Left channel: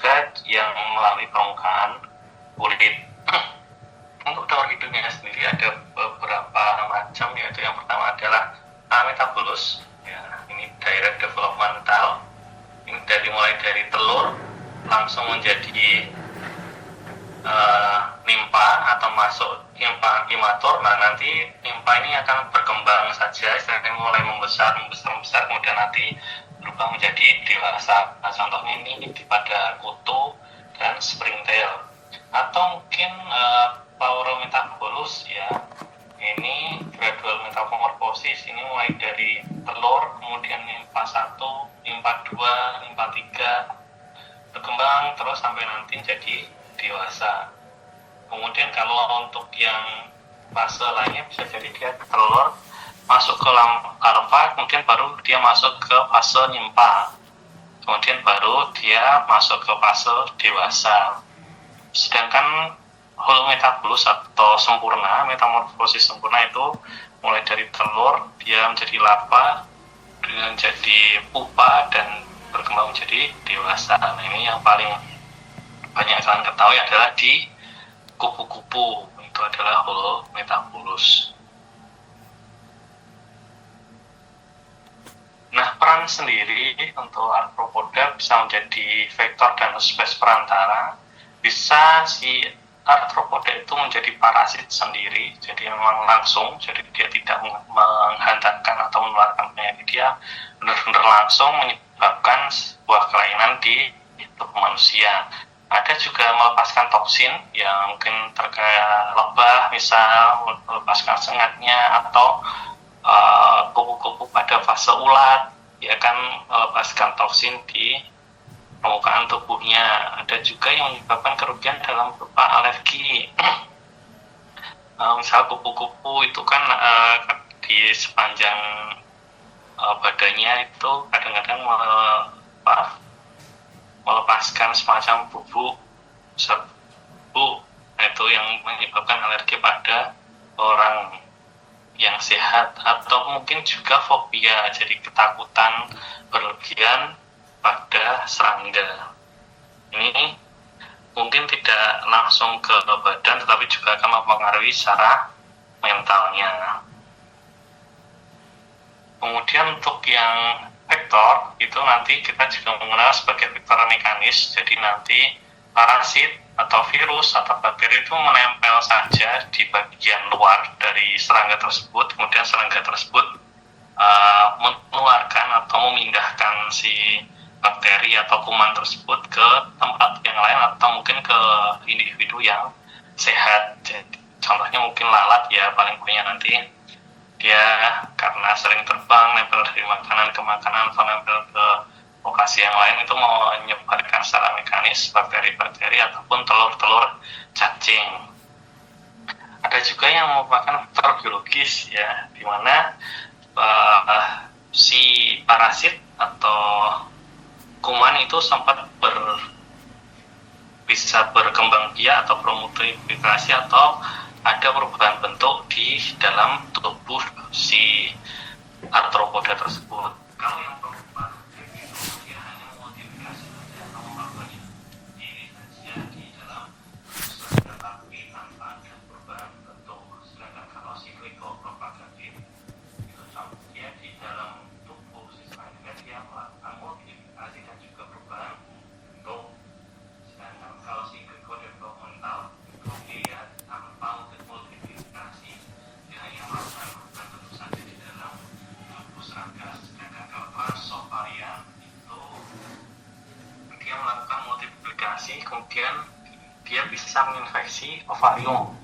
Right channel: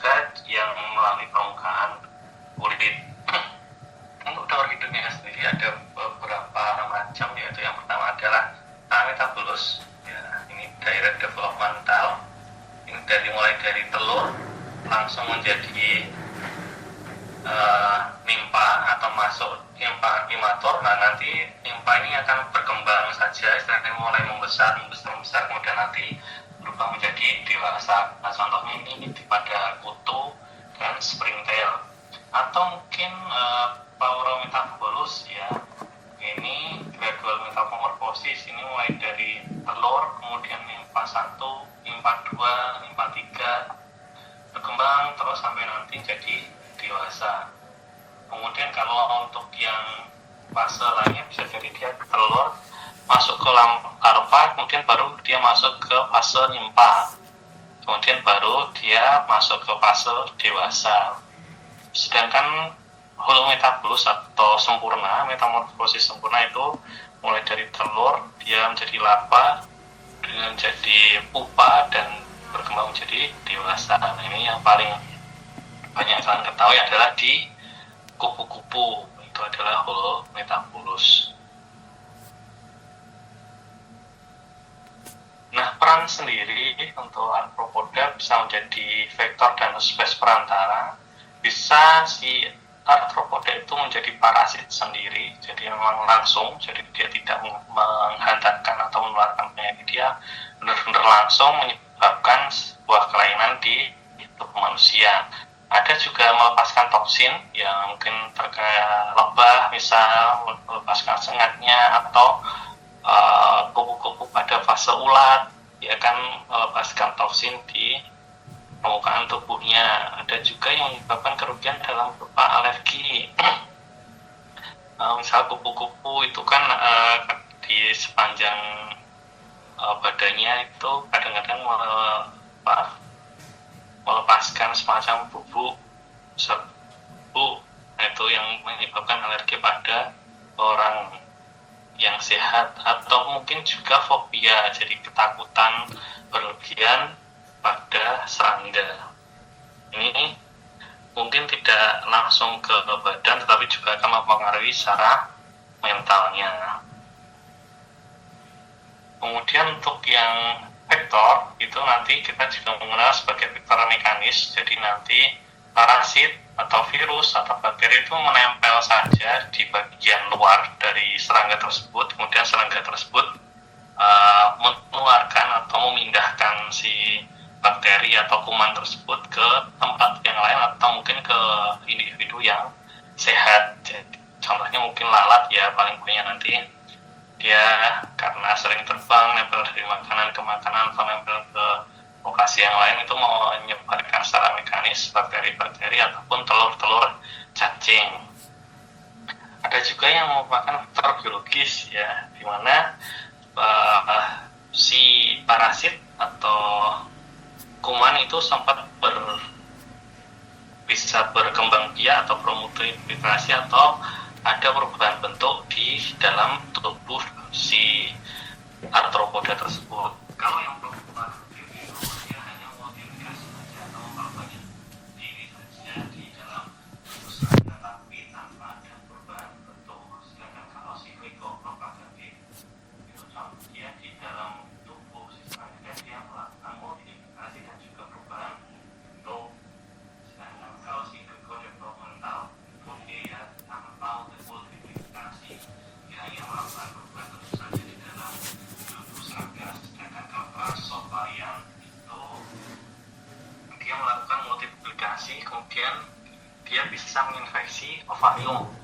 juga yang melalui permukaan kulit. Untuk daur hidungnya sendiri ada beberapa macam, yaitu yang pertama adalah ametabulus. Ya, ini direct developmental. Ini mulai dari telur langsung menjadi nimpa atau masuk nimpa imatur. Nah, nanti nimpa ini akan berkembang saja, istilahnya mulai membesar, kemudian nanti berubah menjadi dewasa. Nah, contohnya ini pada kutu dan springtail. Atau mungkin Paurometabolus, ya, ini gradual metamorphosis. Ini mulai dari telur, kemudian nimpa 1, nimpa 2, nimpa 3, berkembang terus sampai nanti jadi dewasa. Kemudian kalau untuk yang fase lainnya bisa jadi dia telur masuk ke larva, kemudian baru dia masuk ke fase nimpa, kemudian baru dia masuk ke fase dewasa. Sedangkan holometabulus atau sempurna, metamorfosis sempurna itu mulai dari telur dia menjadi larva, dengan jadi pupa dan berkembang menjadi dewasa. Nah, ini yang paling banyak kalian ketahui adalah di kupu-kupu, itu adalah holometabulus. Nah, peran sendiri untuk arthropoda bisa menjadi vektor dan spesies perantara. Bisa si arthropoda itu menjadi parasit sendiri, jadi memang langsung, jadi dia tidak menghantarkan atau menularkan penyakit, dia benar-benar langsung menyebabkan sebuah kelainan di tubuh manusia. Ada juga melepaskan toksin yang mungkin terkait lebah, misal melepaskan sengatnya, atau kupu-kupu pada fase ulat, dia akan melepaskan toksin di permukaan tubuhnya. Ada juga yang menyebabkan kerugian dalam berupa alergi. Misal kupu-kupu itu kan di sepanjang badannya itu kadang-kadang melepaskan semacam bubuk serbuk. Nah, itu yang menyebabkan alergi pada orang yang sehat. Atau mungkin juga fobia, jadi ketakutan berlebihan pada serangga. Ini mungkin tidak langsung ke badan, tetapi juga akan mempengaruhi secara mentalnya. Kemudian untuk yang vektor, itu nanti kita juga mengenal sebagai vektor mekanis. Jadi nanti parasit atau virus atau bakteri itu menempel saja di bagian luar dari serangga tersebut, kemudian serangga tersebut menularkan atau memindahkan si bakteri atau kuman tersebut ke tempat yang lain atau mungkin ke individu yang sehat. Jadi contohnya mungkin lalat, ya, paling banyak nanti dia karena sering terbang, nempel dari makanan ke makanan atau nempel ke lokasi yang lain, itu mau menyebarkan secara mekanis bakteri-bakteri ataupun telur-telur cacing. Ada juga yang merupakan faktor biologis, ya, di mana si parasit atau kuman itu sempat bisa berkembang biak atau promultiplikasi atau ada perubahan bentuk di dalam tubuh si arthropoda tersebut. Kalau yang berubah itu dia hanya modifikasi saja atau memperbanyak diri saja di dalam serangga, tapi tanpa ada perubahan bentuk. Sedangkan kalau si glycopropagatif itu dia di dalam tubuh si serangga dia melakukan modifikasi dan juga perubahan bentuk. Sedangkan kalau si glycodevelopmental itu dia tanpa multiplikasi, dia hanya melakukan perubahan bentuk saja di dalam tubuh serangga. Sedangkan kalau Parsovarian itu dia melakukan multiplikasi, kemudian dia bisa menginfeksi ovarium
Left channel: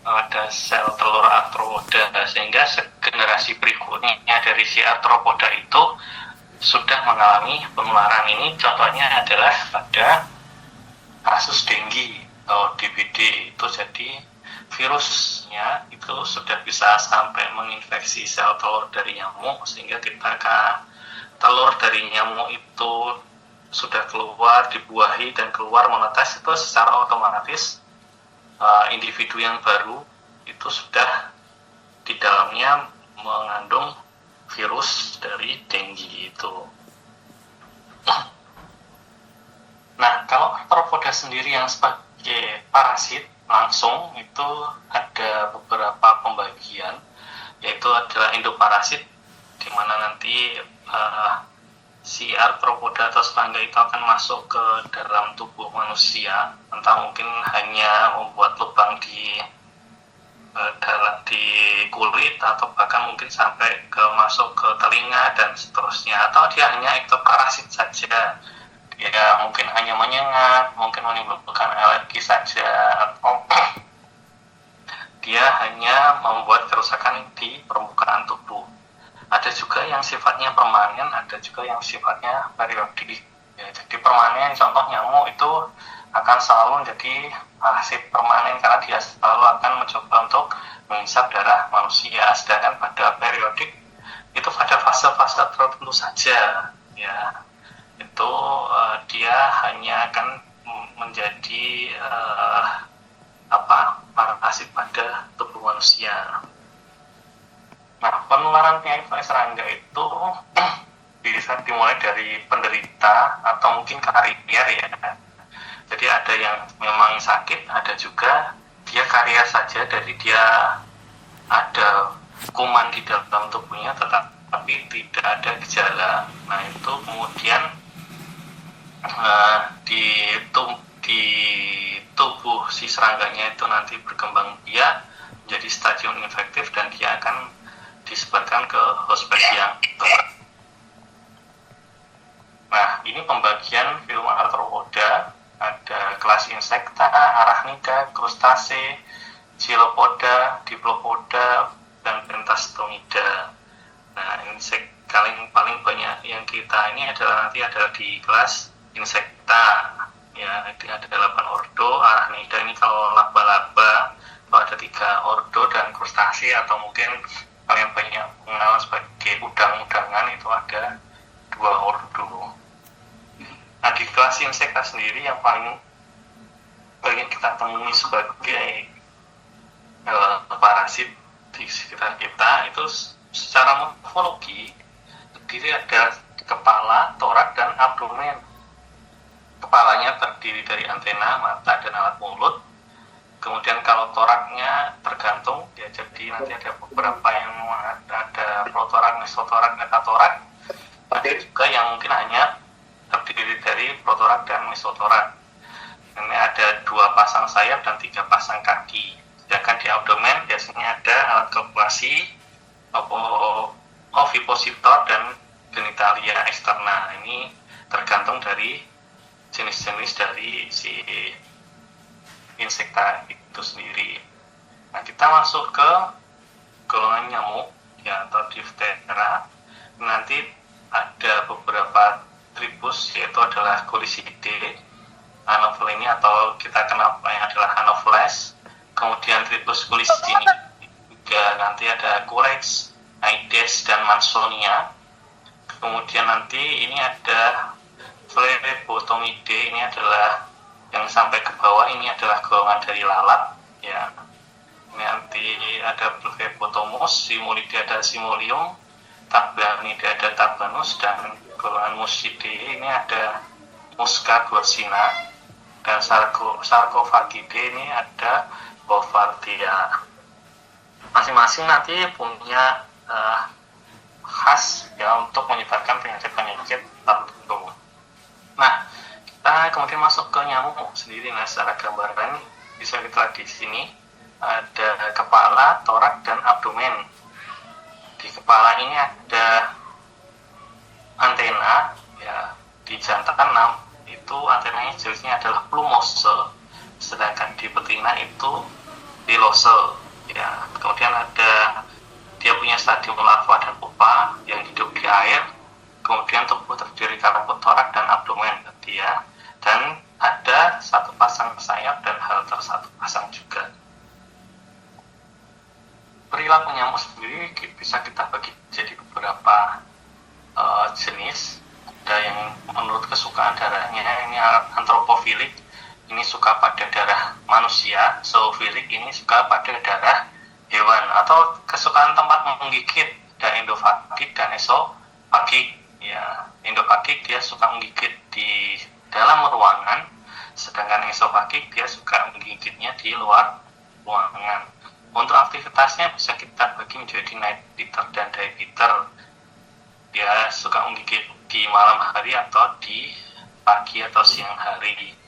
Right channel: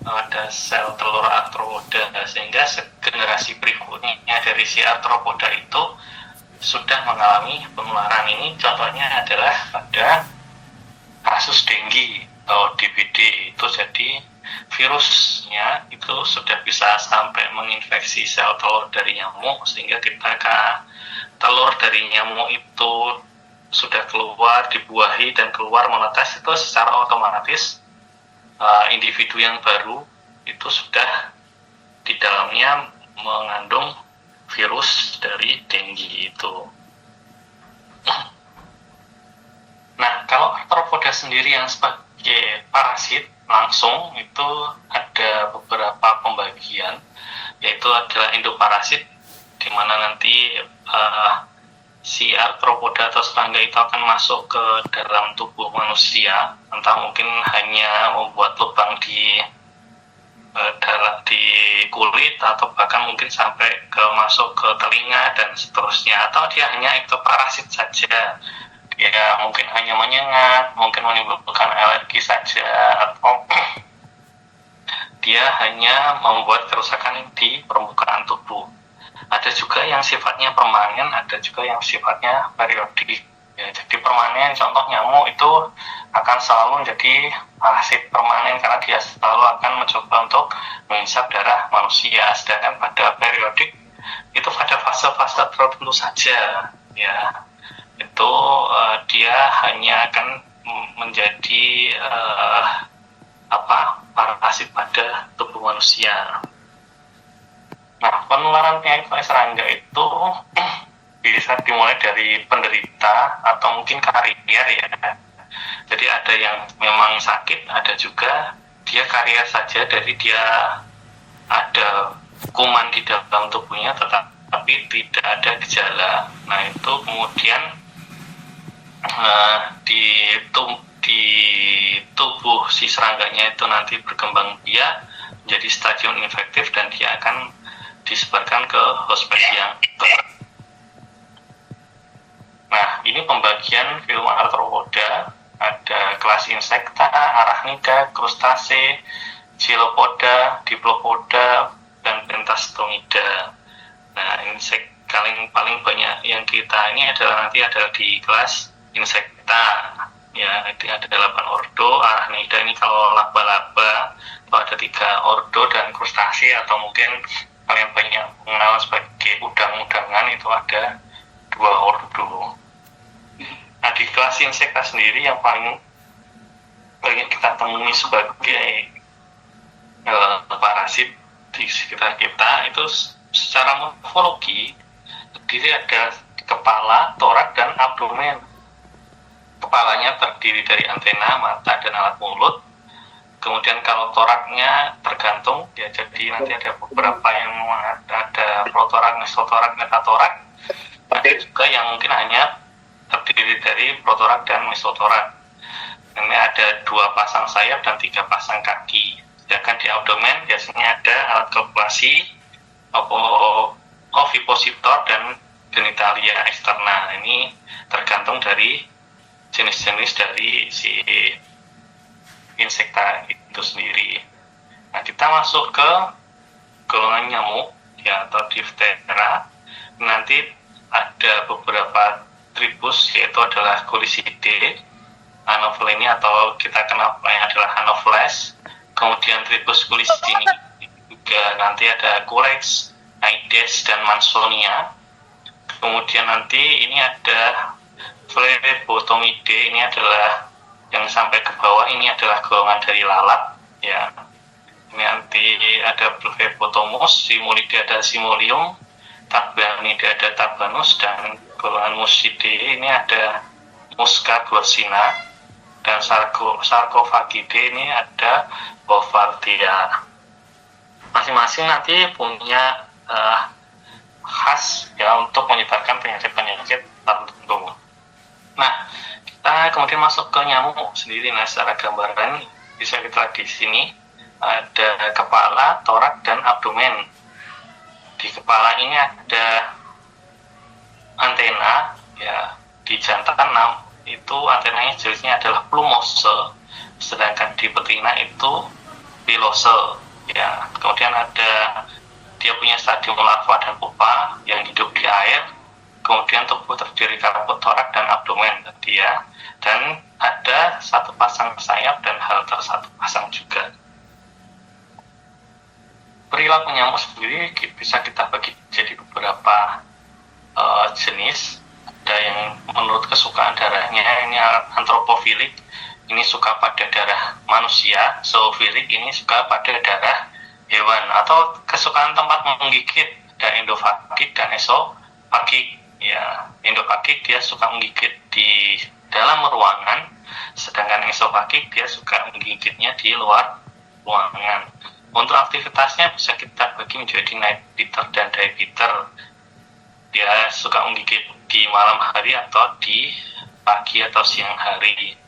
pada sel telur arthropoda, sehingga generasi berikutnya dari si arthropoda itu sudah mengalami penularan. Ini contohnya adalah pada kasus dengue atau DBD. Itu jadi virusnya itu sudah bisa sampai menginfeksi sel telur dari nyamuk, sehingga ketika telur dari nyamuk itu sudah keluar, dibuahi dan keluar menetas, itu secara otomatis individu yang baru itu sudah di dalamnya mengandung virus dari dengue itu. Nah, kalau arthropoda sendiri yang sebagai parasit langsung itu ada beberapa pembagian, yaitu adalah endoparasit, di mana nanti si arthropoda atau serangga itu akan masuk ke dalam tubuh manusia, entah mungkin hanya membuat lubang di kulit, atau bahkan mungkin sampai masuk ke telinga dan seterusnya, atau dia hanya ektoparasit saja, dia mungkin hanya menyengat, mungkin menimbulkan alergi saja, atau dia hanya membuat kerusakan di permukaan tubuh. Ada juga yang sifatnya permanen, ada juga yang sifatnya periodik. Ya, jadi permanen, contoh nyamuk itu akan selalu menjadi parasit permanen karena dia selalu akan mencoba untuk menghisap darah manusia. Sedangkan pada periodik itu pada fase-fase tertentu saja, ya itu dia hanya akan menjadi parasit pada tubuh manusia. Nah, penularan penyakit serangga itu bisa dimulai dari penderita atau mungkin karier ya. Jadi ada yang memang sakit, ada juga dia karier saja, dari dia ada kuman di dalam tubuhnya tetapi tidak ada gejala. Nah, itu kemudian di tubuh si serangganya itu nanti berkembang biak menjadi stadium infektif dan dia akan disebarkan ke host yang tepat. Nah, ini pembagian filum arthropoda. Ada kelas insekta, arachnida, krustase, chilopoda, diplopoda, dan pentastomida. Nah, paling banyak yang kita ini adalah di kelas insekta. Ya, itu ada 8 ordo. Arachnida ini kalau laba-laba itu ada 3 ordo, dan krustase atau mungkin kalian banyak mengenal sebagai udang-udangan itu ada 2 ordo. Nah, di kelas insekta sendiri yang paling banyak kita temui sebagai parasit di sekitar kita itu secara morfologi terdiri ada kepala, torak, dan abdomen. Kepalanya terdiri dari antena, mata, dan alat mulut. Kemudian kalau toraknya tergantung, ya jadi nanti ada beberapa yang ada protorak, mesotorak, metatorak. Ada juga yang mungkin hanya terdiri dari protorak dan mesotorak. Ini ada 2 pasang sayap dan 3 pasang kaki. Sedangkan di abdomen biasanya ada alat kalkulasi, ovipositor, dan genitalia eksterna. Ini tergantung dari jenis-jenis dari si insekta itu sendiri. Nah, kita masuk ke golongan nyamuk ya, atau diftera. Nanti ada beberapa tribus, yaitu adalah Culicidae, Anophelini atau kita kenal yang adalah Anopheles. Kemudian tribus Culicini juga nanti ada Culex, Aedes, dan Mansonia. Kemudian nanti ini ada Phlebotomidae, ini adalah yang sampai ke bawah, ini adalah golongan dari lalat ya. Ini nanti ada Phlebotomus, Simulidae ada Simulium, Tabanidae ada Tabanus, dan golongan Muscidae ini ada Musca glossina, dan Sarcophagidae ini ada Bouvardia. Masing-masing nanti punya khas ya untuk menyebarkan penyakit-penyakit tertentu. Nah, kita kemudian masuk ke nyamuk sendiri. Nah, secara gambaran bisa kita lihat di sini ada kepala, torak, dan abdomen. Di kepala ini ada antena ya. Di jantan itu antenanya jenisnya adalah plumose, sedangkan di betina itu pilose ya. Kemudian ada dia punya stadium larva dan pupa yang hidup di air. Kemudian tubuh terdiri kabut torak dan abdomen dia, dan ada 1 pasang sayap dan halter 1 pasang juga. Perilaku nyamuk sendiri bisa kita bagi jadi beberapa jenis. Ada yang menurut kesukaan darahnya ini antropofilik, ini suka pada darah manusia. Zoofilik ini suka pada darah hewan. Atau kesukaan tempat menggigit, ada endofagik dan esofagik ya. Endofagik dia suka menggigit di dalam ruangan, Sedangkan esofagik dia suka menggigitnya di luar ruangan. Untuk aktivitasnya bisa kita bagi menjadi night biter dan day biter. Dia suka menggigit di malam hari atau di pagi atau siang hari.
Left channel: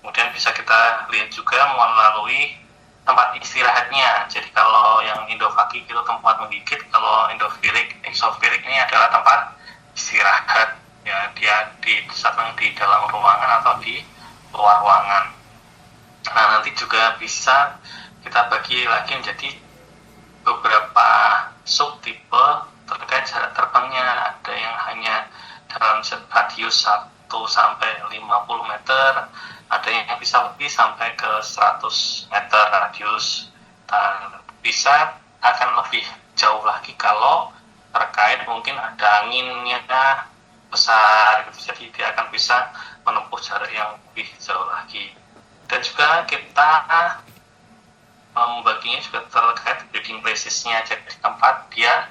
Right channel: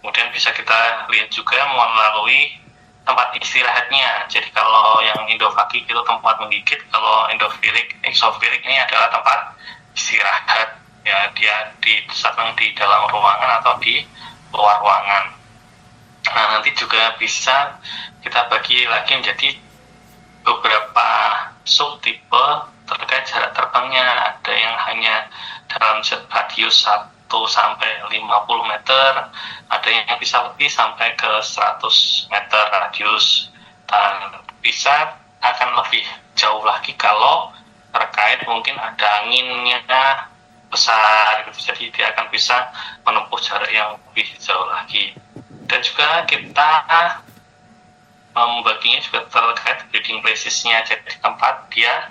Kemudian bisa kita lihat juga melalui tempat istirahatnya. Jadi kalau yang endofagik itu tempat menggigit, kalau exofilik ini adalah tempat istirahat. Ya, dia sedang di dalam ruangan atau di luar ruangan. Nah, nanti juga bisa kita bagi lagi menjadi beberapa subtipe terkait jarak terbangnya. Ada yang hanya dalam radius 1 sampai 50 meter, ada yang bisa lebih sampai ke 100 meter radius, dan bisa akan lebih jauh lagi kalau terkait mungkin ada anginnya besar gitu, jadi dia akan bisa menempuh jarak yang lebih jauh lagi. Dan juga kita membaginya juga terkait breeding places-nya, jadi tempat dia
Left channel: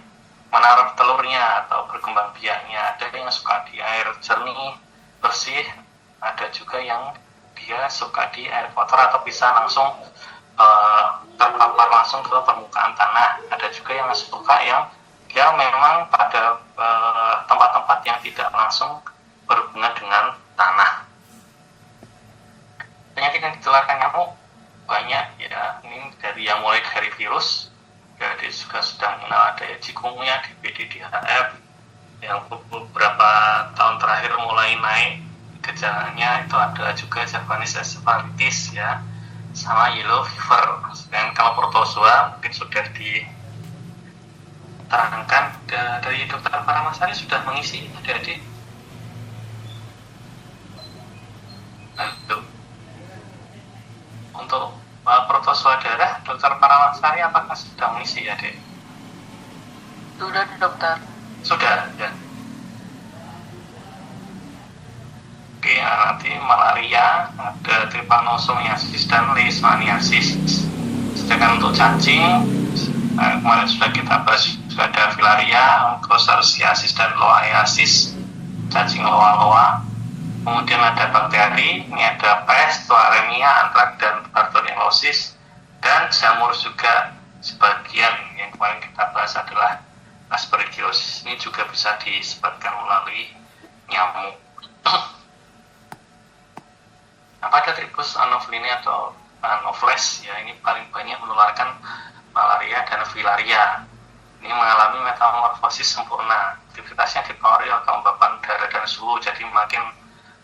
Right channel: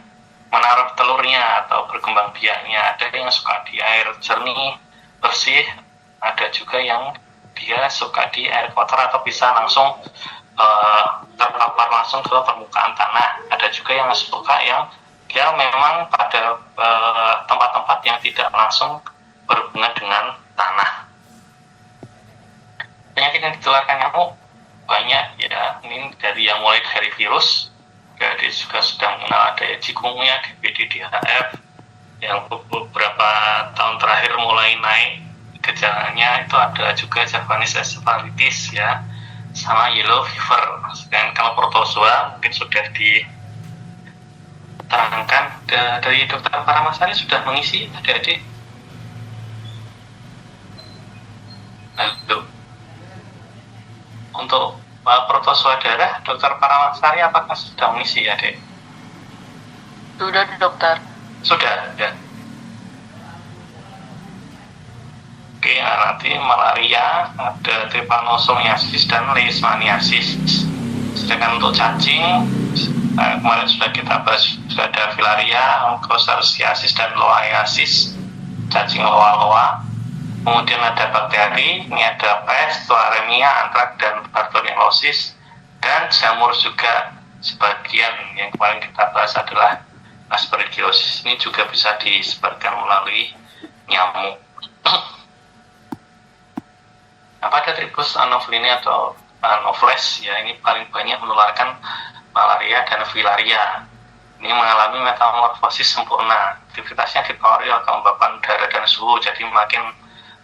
menaruh telurnya atau berkembang biaknya. Ada yang suka di air jernih bersih, ada juga yang dia suka di air kotor atau bisa langsung terpapar langsung ke permukaan tanah. Ada juga yang suka yang dia memang pada tempat-tempat yang tidak langsung berhubungan dengan tanah. Penyakit yang ditularkan nyamuk banyak ya, ini dari yang mulai dari virus, jadi juga sudah mengenal ada chikungunya, DBD, DHF, yang beberapa tahun terakhir mulai naik gejalanya itu ada juga Japanese encephalitis ya, sama yellow fever. Dan kalau protozoa mungkin sudah diterangkan dari Dr. Paramasari sudah mengisi adik-adik. Untuk protozoa darah, Dr. Paramasari apakah sudah mengisi adik? Sudah dokter. Sudah ya. Oke, nanti malaria ada trypanosomiasis dan leishmaniasis. Sedangkan untuk cacing kemarin sudah kita bahas, sudah ada filaria, onchocerciasis dan loaiasis, cacing loa-loa. Kemudian ada bakteri, ini ada pest, tularemia, antrak dan bartonellosis, dan jamur juga sebagian. Yang kemarin kita bahas adalah aspergillosis, ini juga bisa disebarkan melalui nyamuk. Pada tribus Anopheles atau Anopheles ya, ini paling banyak menularkan malaria dan filaria. Ini mengalami metamorfosis sempurna, aktivitasnya dipengaruhi oleh kelembapan udara dan suhu, jadi makin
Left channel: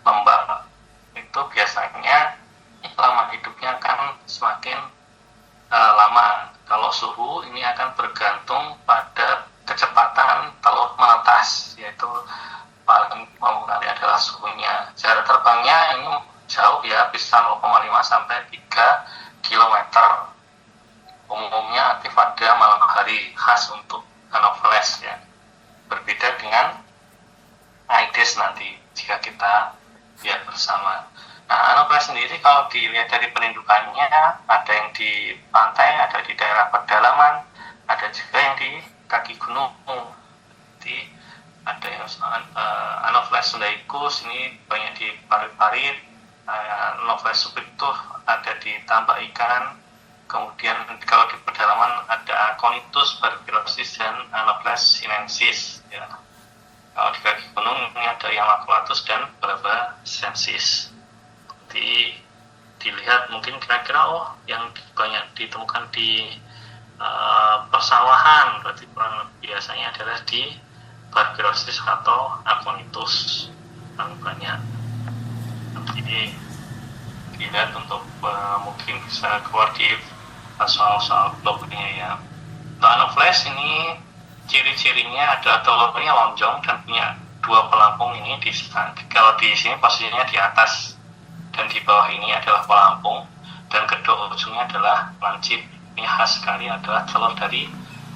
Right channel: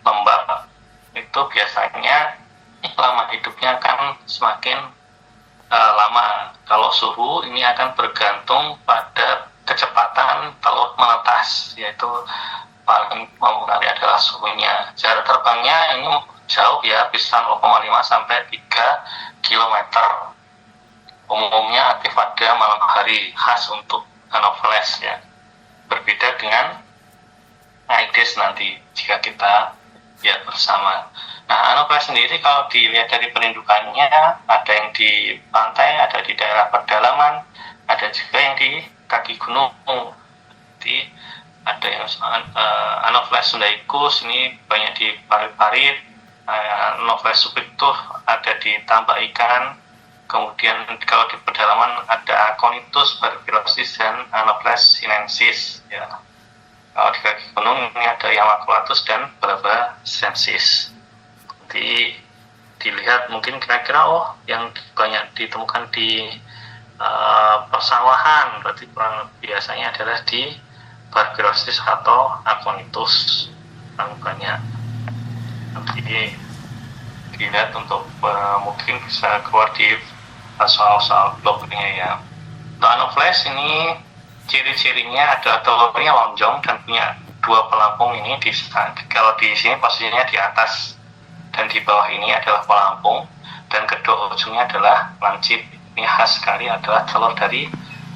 lembab itu biasanya lama hidupnya akan semakin lama. Kalau suhu ini akan bergantung pada kecepatan telur menetas, yaitu paling mempengaruhi adalah suhunya. Jarak terbangnya ini jauh ya, bisa 0,5 sampai 3 km. Umumnya aktif pada malam hari, khas untuk Anopheles ya. Berbeda dengan Aedes nanti jika kita lihat bersama. Nah, Anopheles sendiri kalau dilihat dari penunjukannya, ada yang di pantai, ada di daerah pedalaman, ada juga yang di kaki gunung. Jadi ada yang Anopheles sundaicus, ini banyak di parit-parit. Anopheles subictus ada di tambak ikan. Kemudian kalau di pedalaman ada Aconitus barbirosis dan Anopheles sinensis ya. Kalau di kaki gunung ini ada Yamaculatus dan Barbacensis. Jadi dilihat mungkin kira-kira yang banyak ditemukan di persawahan, berarti biasanya adalah di barbirosis atau Aconitus yang banyak. Jadi dilihat untuk mungkin bisa keluar di soal-soal blognya ya. Untuk Anopheles ini ciri-cirinya adalah telurnya lonjong dan punya 2 pelampung. Ini kalau di sini posisinya di atas dan di bawah ini adalah pelampung, dan kedua ujungnya adalah lancip. Ini khas sekali adalah telur dari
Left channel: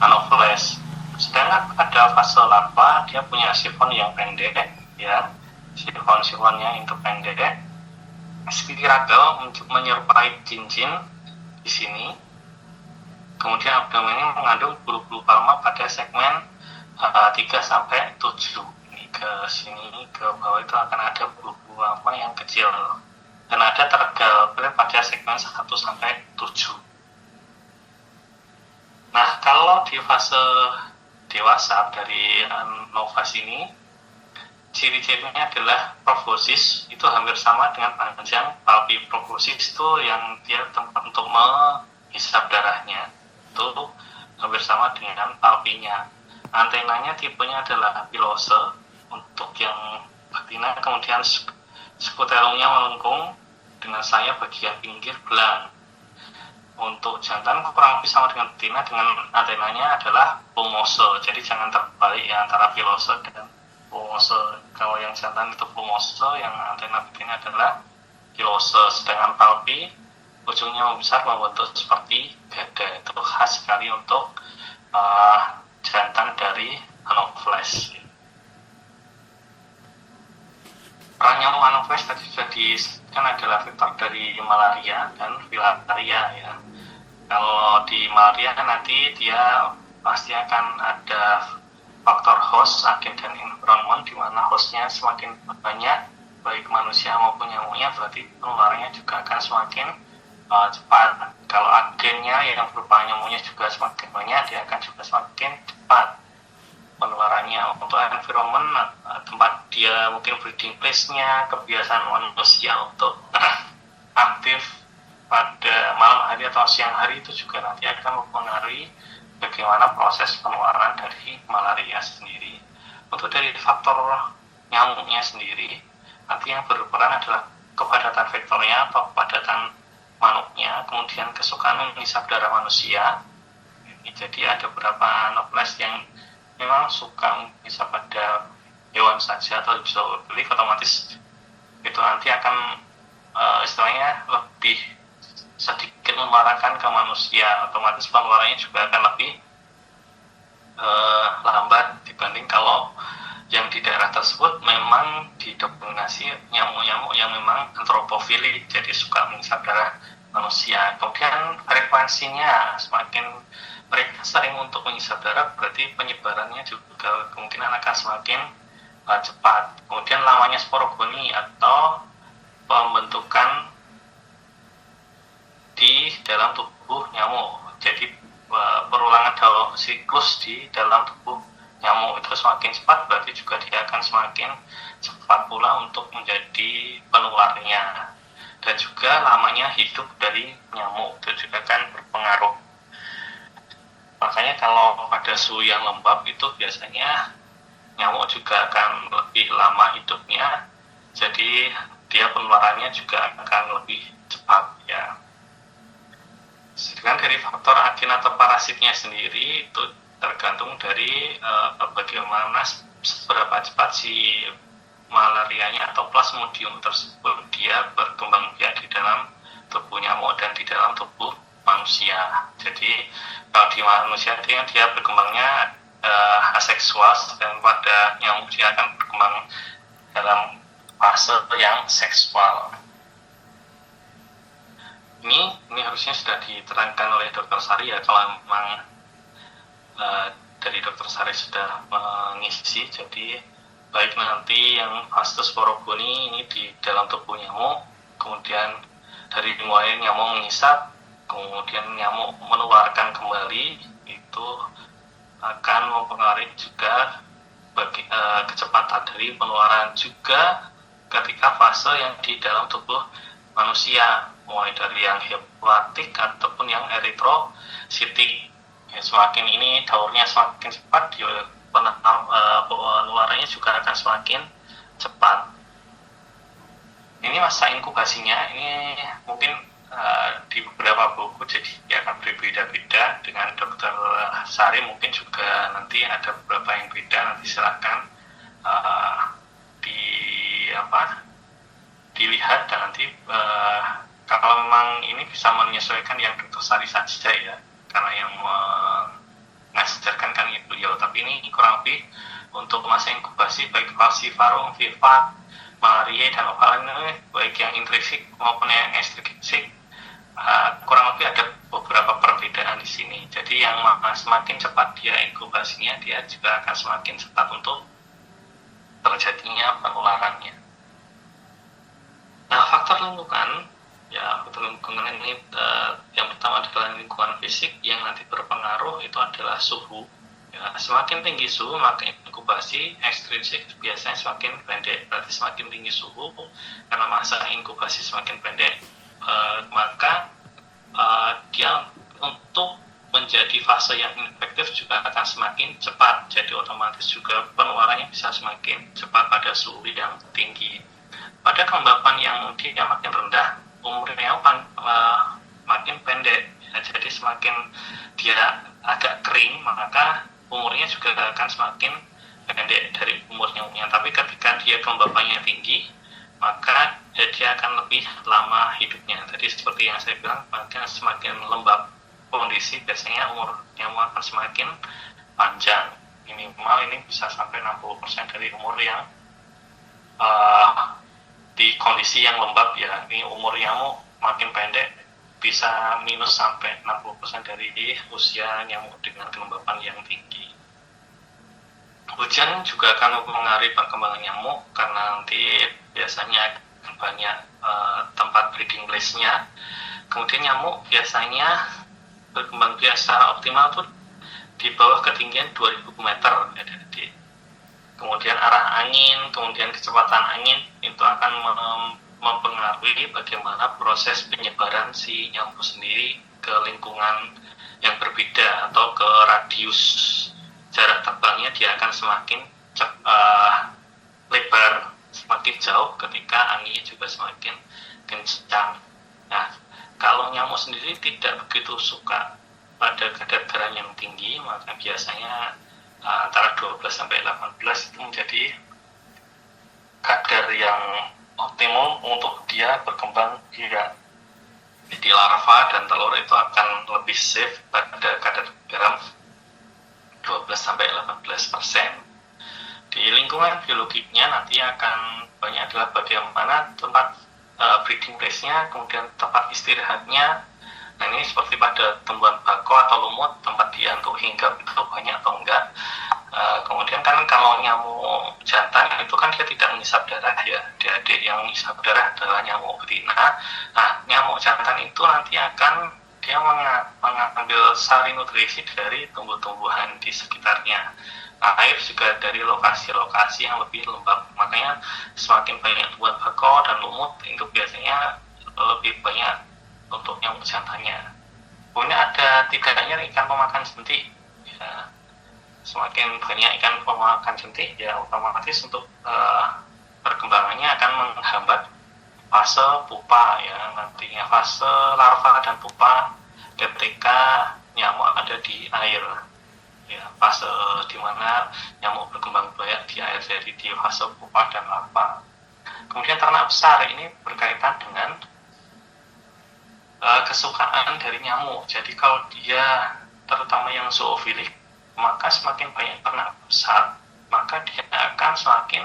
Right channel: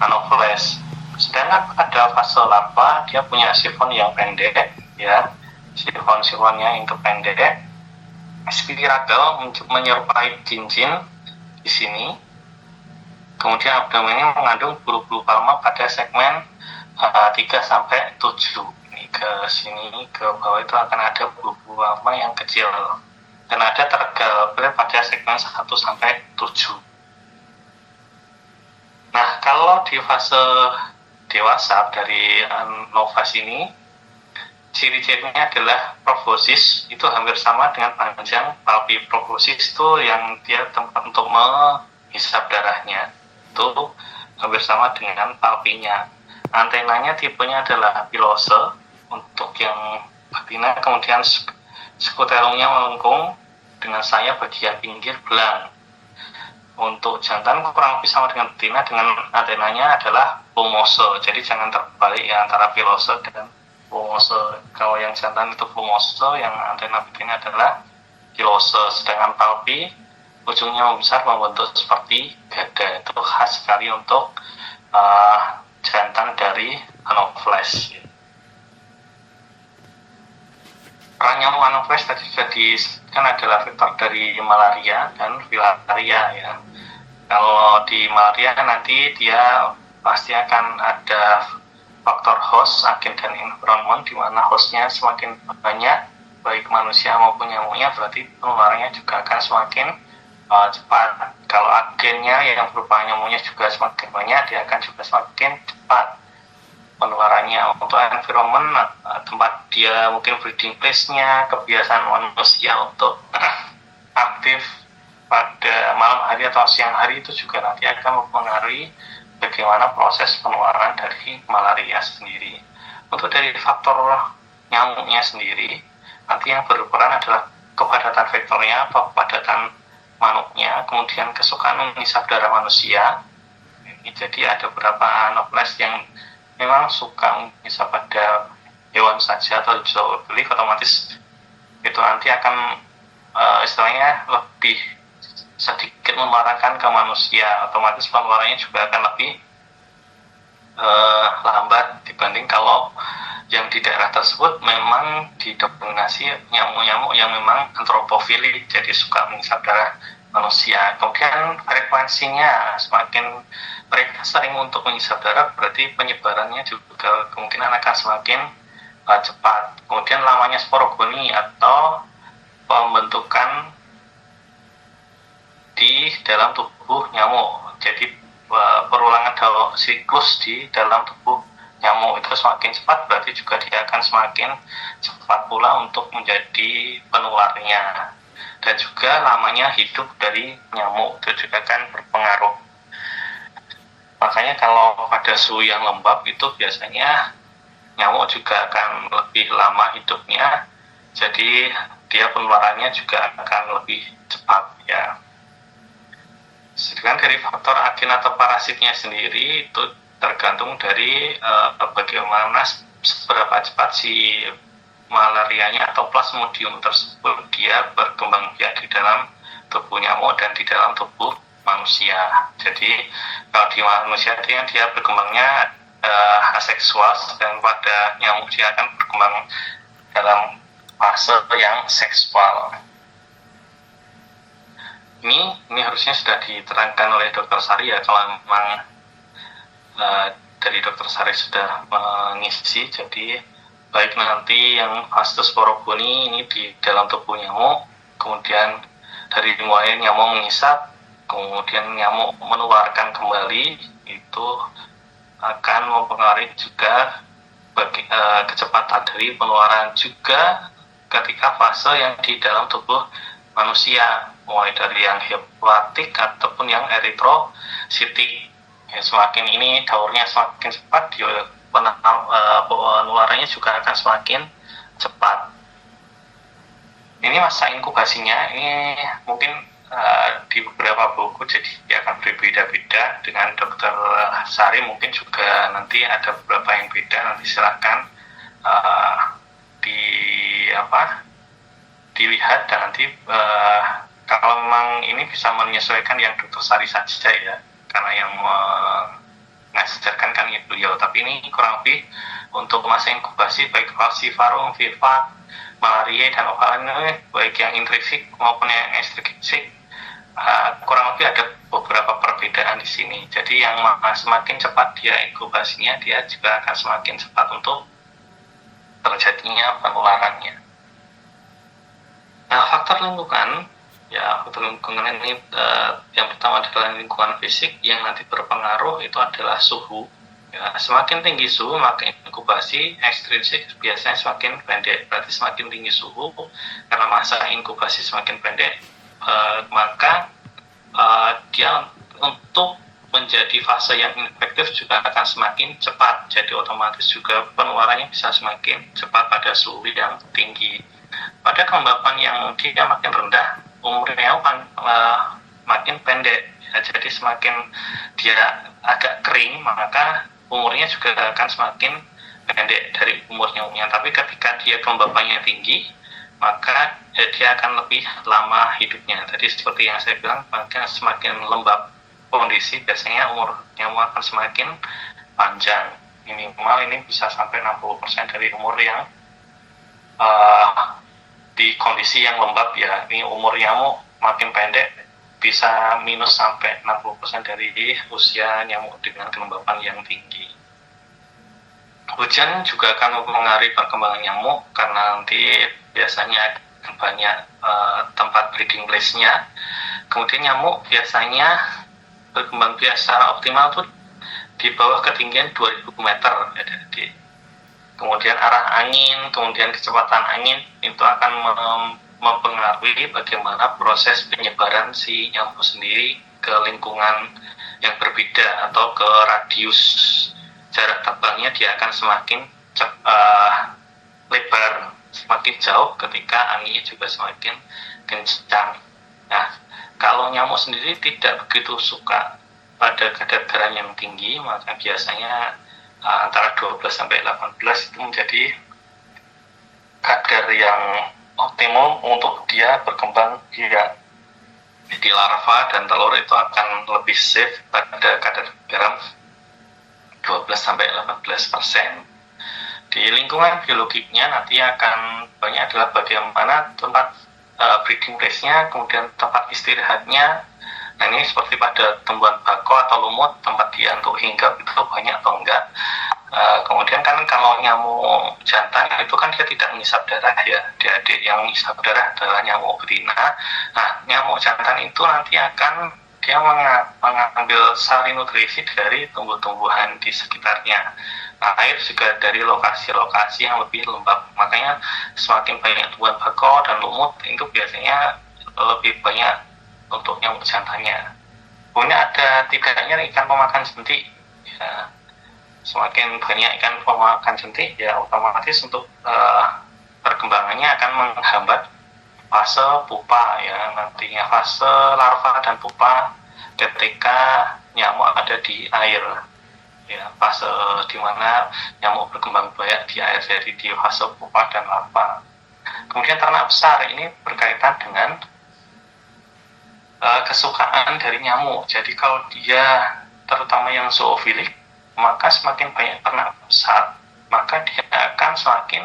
Anopheles. Sedangkan pada fase larva dia punya sifon yang pendek ya, sifon-sifonnya itu pendek, spiragal menyerupai cincin di sini. Kemudian abdomennya mengandung bulu-bulu palma pada segmen 3 sampai 7. Ini ke sini ke bawah itu akan ada bulu-bulu palma yang kecil. dan ada tergambar pada segmen 1 sampai 7. Nah, kalau di fase dewasa dari novas ini, ciri-cirinya adalah proboscis itu hampir sama dengan panjang palpi. Proboscis itu yang dia tempat untuk menghisap darahnya, itu hampir sama dengan palpinya. Antenanya tipenya adalah pilose untuk yang betina, kemudian skuterumnya melengkung dengan sayap bagian pinggir belang. Untuk jantan kurang lebih sama dengan betina, dengan antenanya adalah plumose. Jadi jangan terbalik ya antara pilose dan plumose. Kalau yang jantan itu plumose, yang antena betina adalah pilose. Sedangkan palpi ujungnya membesar membentuk seperti dada. Itu khas sekali untuk jantan dari Anopheles. Peran nyamuk Anopheles tadi sudah disebutkan adalah vektor dari malaria dan filaria ya. Kalau di malaria nanti dia pasti akan ada faktor host, agen dan environment, di mana hostnya semakin banyak baik manusia maupun nyamuknya, berarti penularannya juga akan semakin cepat. Kalau agennya yang berupa nyamuknya juga semakin banyak, dia akan juga semakin cepat penularannya. Untuk environment, tempat dia mungkin breeding place-nya, kebiasaan manusia untuk aktif pada malam hari atau siang hari itu juga nanti akan mempengaruhi bagaimana proses penularan dari malaria sendiri. Untuk dari faktor nyamuknya sendiri, nanti yang berperan adalah kepadatan vektornya atau kepadatan manuknya, kemudian kesukaan menghisap darah manusia. Jadi ada beberapa Anopheles yang memang suka menghisap pada hewan saja atau zoofilik, otomatis itu nanti akan istilahnya lebih sedikit menularkan ke manusia, otomatis penularannya juga akan lebih lambat dibanding kalau yang di daerah tersebut memang didominasi nyamuk-nyamuk yang memang antropofilik, jadi suka menghisap darah manusia. Kemudian frekuensinya, semakin mereka sering untuk menghisap darah, berarti penyebarannya juga kemungkinan akan semakin cepat. Kemudian lamanya sporogoni atau pembentukan di dalam tubuh nyamuk. Jadi perulangan dalam siklus di dalam tubuh nyamuk itu semakin cepat, berarti juga dia akan semakin cepat pula untuk menjadi penularnya. Dan juga lamanya hidup dari nyamuk itu juga akan berpengaruh. Makanya kalau pada suhu yang lembab itu biasanya nyamuk juga akan lebih lama hidupnya, jadi dia penularannya juga akan lebih cepat ya. Sedangkan dari faktor agen atau parasitnya sendiri itu tergantung dari bagaimana seberapa cepat si malarianya atau plasmodium tersebut dia berkembang biak di dalam tubuh nyamuk dan di dalam tubuh manusia. Jadi kalau di manusia dia berkembangnya aseksual, dan pada nyamuk dia akan berkembang dalam fase yang seksual. Ini harusnya sudah diterangkan oleh Dr. Sari ya, kalau memang dari Dr. Sari sudah mengisi. Jadi baik nanti yang fase sporogoni ini di dalam tubuh nyamuk, kemudian dari mulai nyamuk menghisap, kemudian nyamuk menularkan kembali, itu akan mempengaruhi juga kecepatan dari penularan juga ketika fase yang di dalam tubuh manusia, mulai dari yang hepatotik ataupun yang eritrositik. Ya, semakin ini daurnya semakin cepat, penularannya juga akan semakin cepat. Ini masa inkubasinya ini mungkin di beberapa buku jadi dia akan berbeda-beda. Dengan Dr. Sari mungkin juga nanti ada beberapa yang beda, nanti silakan dilihat, dan nanti kalau memang ini bisa menyesuaikan yang Dr. Sari saja ya, karena yang mengajarkan kan beliau, tapi ini kurang lebih untuk masa inkubasi baik falciparum, viva, malaria dan ovalin, baik yang intrinsik maupun yang ekstrinsik, kurang lebih ada beberapa perbedaan di sini. Jadi yang semakin cepat dia inkubasinya, dia juga akan semakin cepat untuk terjadinya penularannya. Nah, faktor lingkungan, ya faktor lingkungan ini yang pertama adalah lingkungan fisik, yang nanti berpengaruh itu adalah suhu. Ya, semakin tinggi suhu maka inkubasi ekstrinsik biasanya semakin pendek. Berarti semakin tinggi suhu karena masa inkubasi semakin pendek, maka dia untuk menjadi fase yang infektif juga akan semakin cepat. Jadi otomatis juga penularannya bisa semakin cepat pada suhu yang tinggi. Pada kelembapan yang dia makin rendah, umurnya makin pendek. Ya, jadi semakin dia agak kering, maka umurnya juga akan semakin pendek dari umurnya. Tapi ketika dia kelembapannya tinggi, maka dia akan lebih lama hidupnya. Jadi seperti yang saya bilang, semakin lembab kondisi, biasanya umur nyamuk akan semakin panjang. Minimal ini bisa sampai 60% dari umur yang di kondisi yang lembab ya. Ini umur nyamuk makin pendek bisa minus sampai 60% dari usia nyamuk dengan kelembapan yang tinggi. Hujan juga akan mempengaruhi perkembangan nyamuk karena nanti biasanya banyak tempat breeding place-nya. Kemudian nyamuk biasanya berkembang biak secara optimal tuh di bawah ketinggian 2000 meter. Jadi, kemudian arah angin, kemudian kecepatan angin itu akan mempengaruhi bagaimana proses penyebaran si nyamuk sendiri ke lingkungan yang berbeda atau ke radius jarak terbangnya. Dia akan semakin lebar, semakin jauh ketika anginnya juga semakin kencang. Nah, kalau nyamuk sendiri tidak begitu suka pada kadar garam yang tinggi, maka biasanya antara 12 sampai 18 itu menjadi kadar yang optimum untuk dia berkembang biak. Jadi larva dan telur itu akan lebih safe pada kadar garam 12 sampai 18%. Di lingkungan biologiknya nanti akan banyak adalah bagaimana tempat breeding place-nya, kemudian tempat istirahatnya. Nah, ini seperti pada tumbuhan bako atau lumut, tempat dia untuk hinggap itu banyak atau enggak. Kemudian kan kalau nyamuk jantan itu kan dia tidak menghisap darah ya. Adik yang menghisap darah adalah nyamuk betina. Nah, nyamuk jantan itu nanti akan dia mengambil sari nutrisi dari tumbuh-tumbuhan di sekitarnya. Nah, air juga dari lokasi-lokasi yang lebih lembab. Makanya semakin banyak tumbuhan bako dan lumut itu biasanya lebih banyak untuk nyamuk jantannya. Kemudian ada tidaknya ikan pemakan jentik. Ya, semakin banyak ikan pemakan jentik, ya otomatis untuk perkembangannya akan menghambat fase pupa ya. Nantinya fase larva dan pupa ketika nyamuk ada di air. Ya, fase di mana nyamuk berkembang biak di air, jadi di fase pupa dan larva. Kemudian ternak besar ini berkaitan dengan kesukaan dari nyamuk. Jadi kalau dia terutama yang zoofilik, maka semakin banyak ternak besar, maka dia akan semakin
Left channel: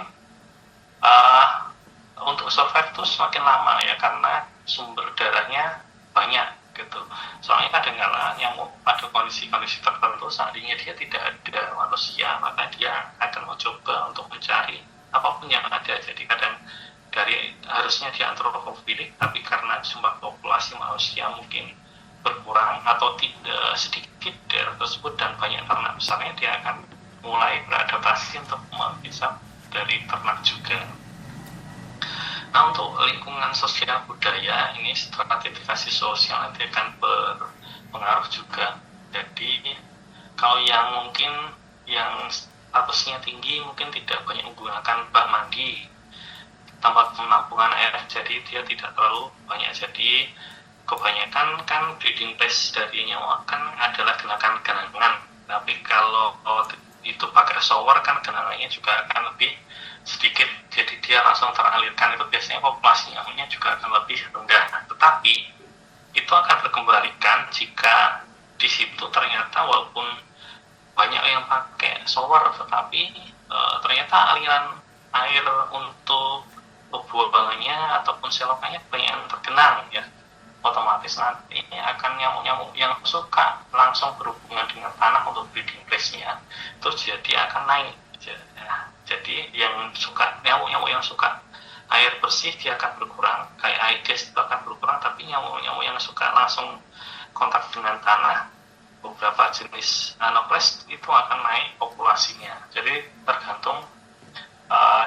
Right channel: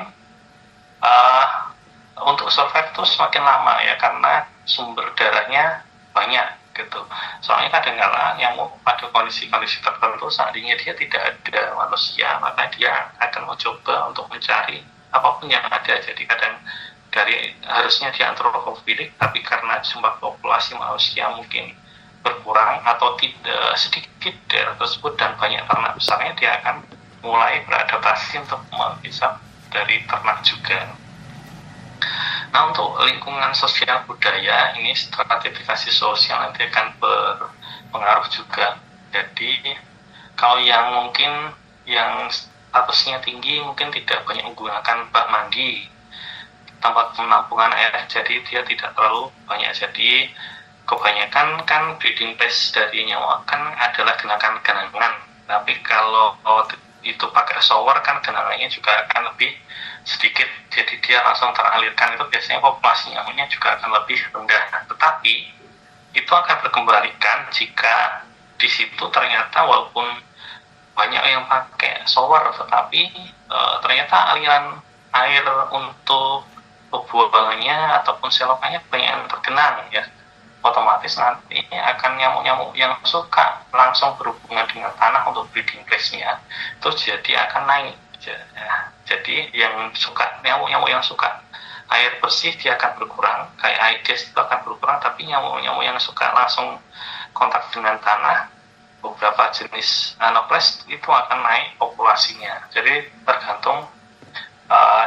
untuk survive itu semakin lama ya, karena sumber darahnya banyak gitu. Soalnya kadang-kadang nyamuk pada kondisi-kondisi tertentu seandainya dia tidak ada manusia, maka dia akan mencoba untuk mencari apapun yang ada. Jadi kadang dari harusnya dia antropofilik, tapi karena jumlah populasi manusia mungkin berkurang atau tidak sedikit daerah tersebut dan banyak ternak besarnya, dia akan mulai beradaptasi untuk menghisap dari ternak juga. Nah, untuk lingkungan sosial budaya ini stratifikasi sosial nanti akan berpengaruh juga. Jadi kalau yang mungkin yang statusnya tinggi mungkin tidak banyak menggunakan bak mandi, tempat penampungan air, jadi dia tidak terlalu banyak. Jadi kebanyakan kan breeding place dari nyamuk kan adalah genangan. Tapi kalau itu pakai shower kan genangannya juga akan lebih sedikit, jadi dia langsung teralirkan. Itu biasanya populasi nyamuknya juga akan lebih rendah. Tetapi itu akan berkembalikan jika di situ ternyata walaupun banyak yang pakai shower, tetapi ternyata aliran air untuk pembuangannya ataupun selokannya banyak yang tergenang ya. Otomatis nanti akan nyamuk-nyamuk yang suka langsung berhubungan dengan tanah untuk breeding place-nya itu jadi akan naik. Jadi yang suka, nyamuk-nyamuk yang suka air bersih dia akan berkurang, kayak Aedes itu akan berkurang, tapi nyamuk-nyamuk yang suka langsung kontak dengan tanah, beberapa jenis Anopheles itu akan naik populasinya. Jadi tergantung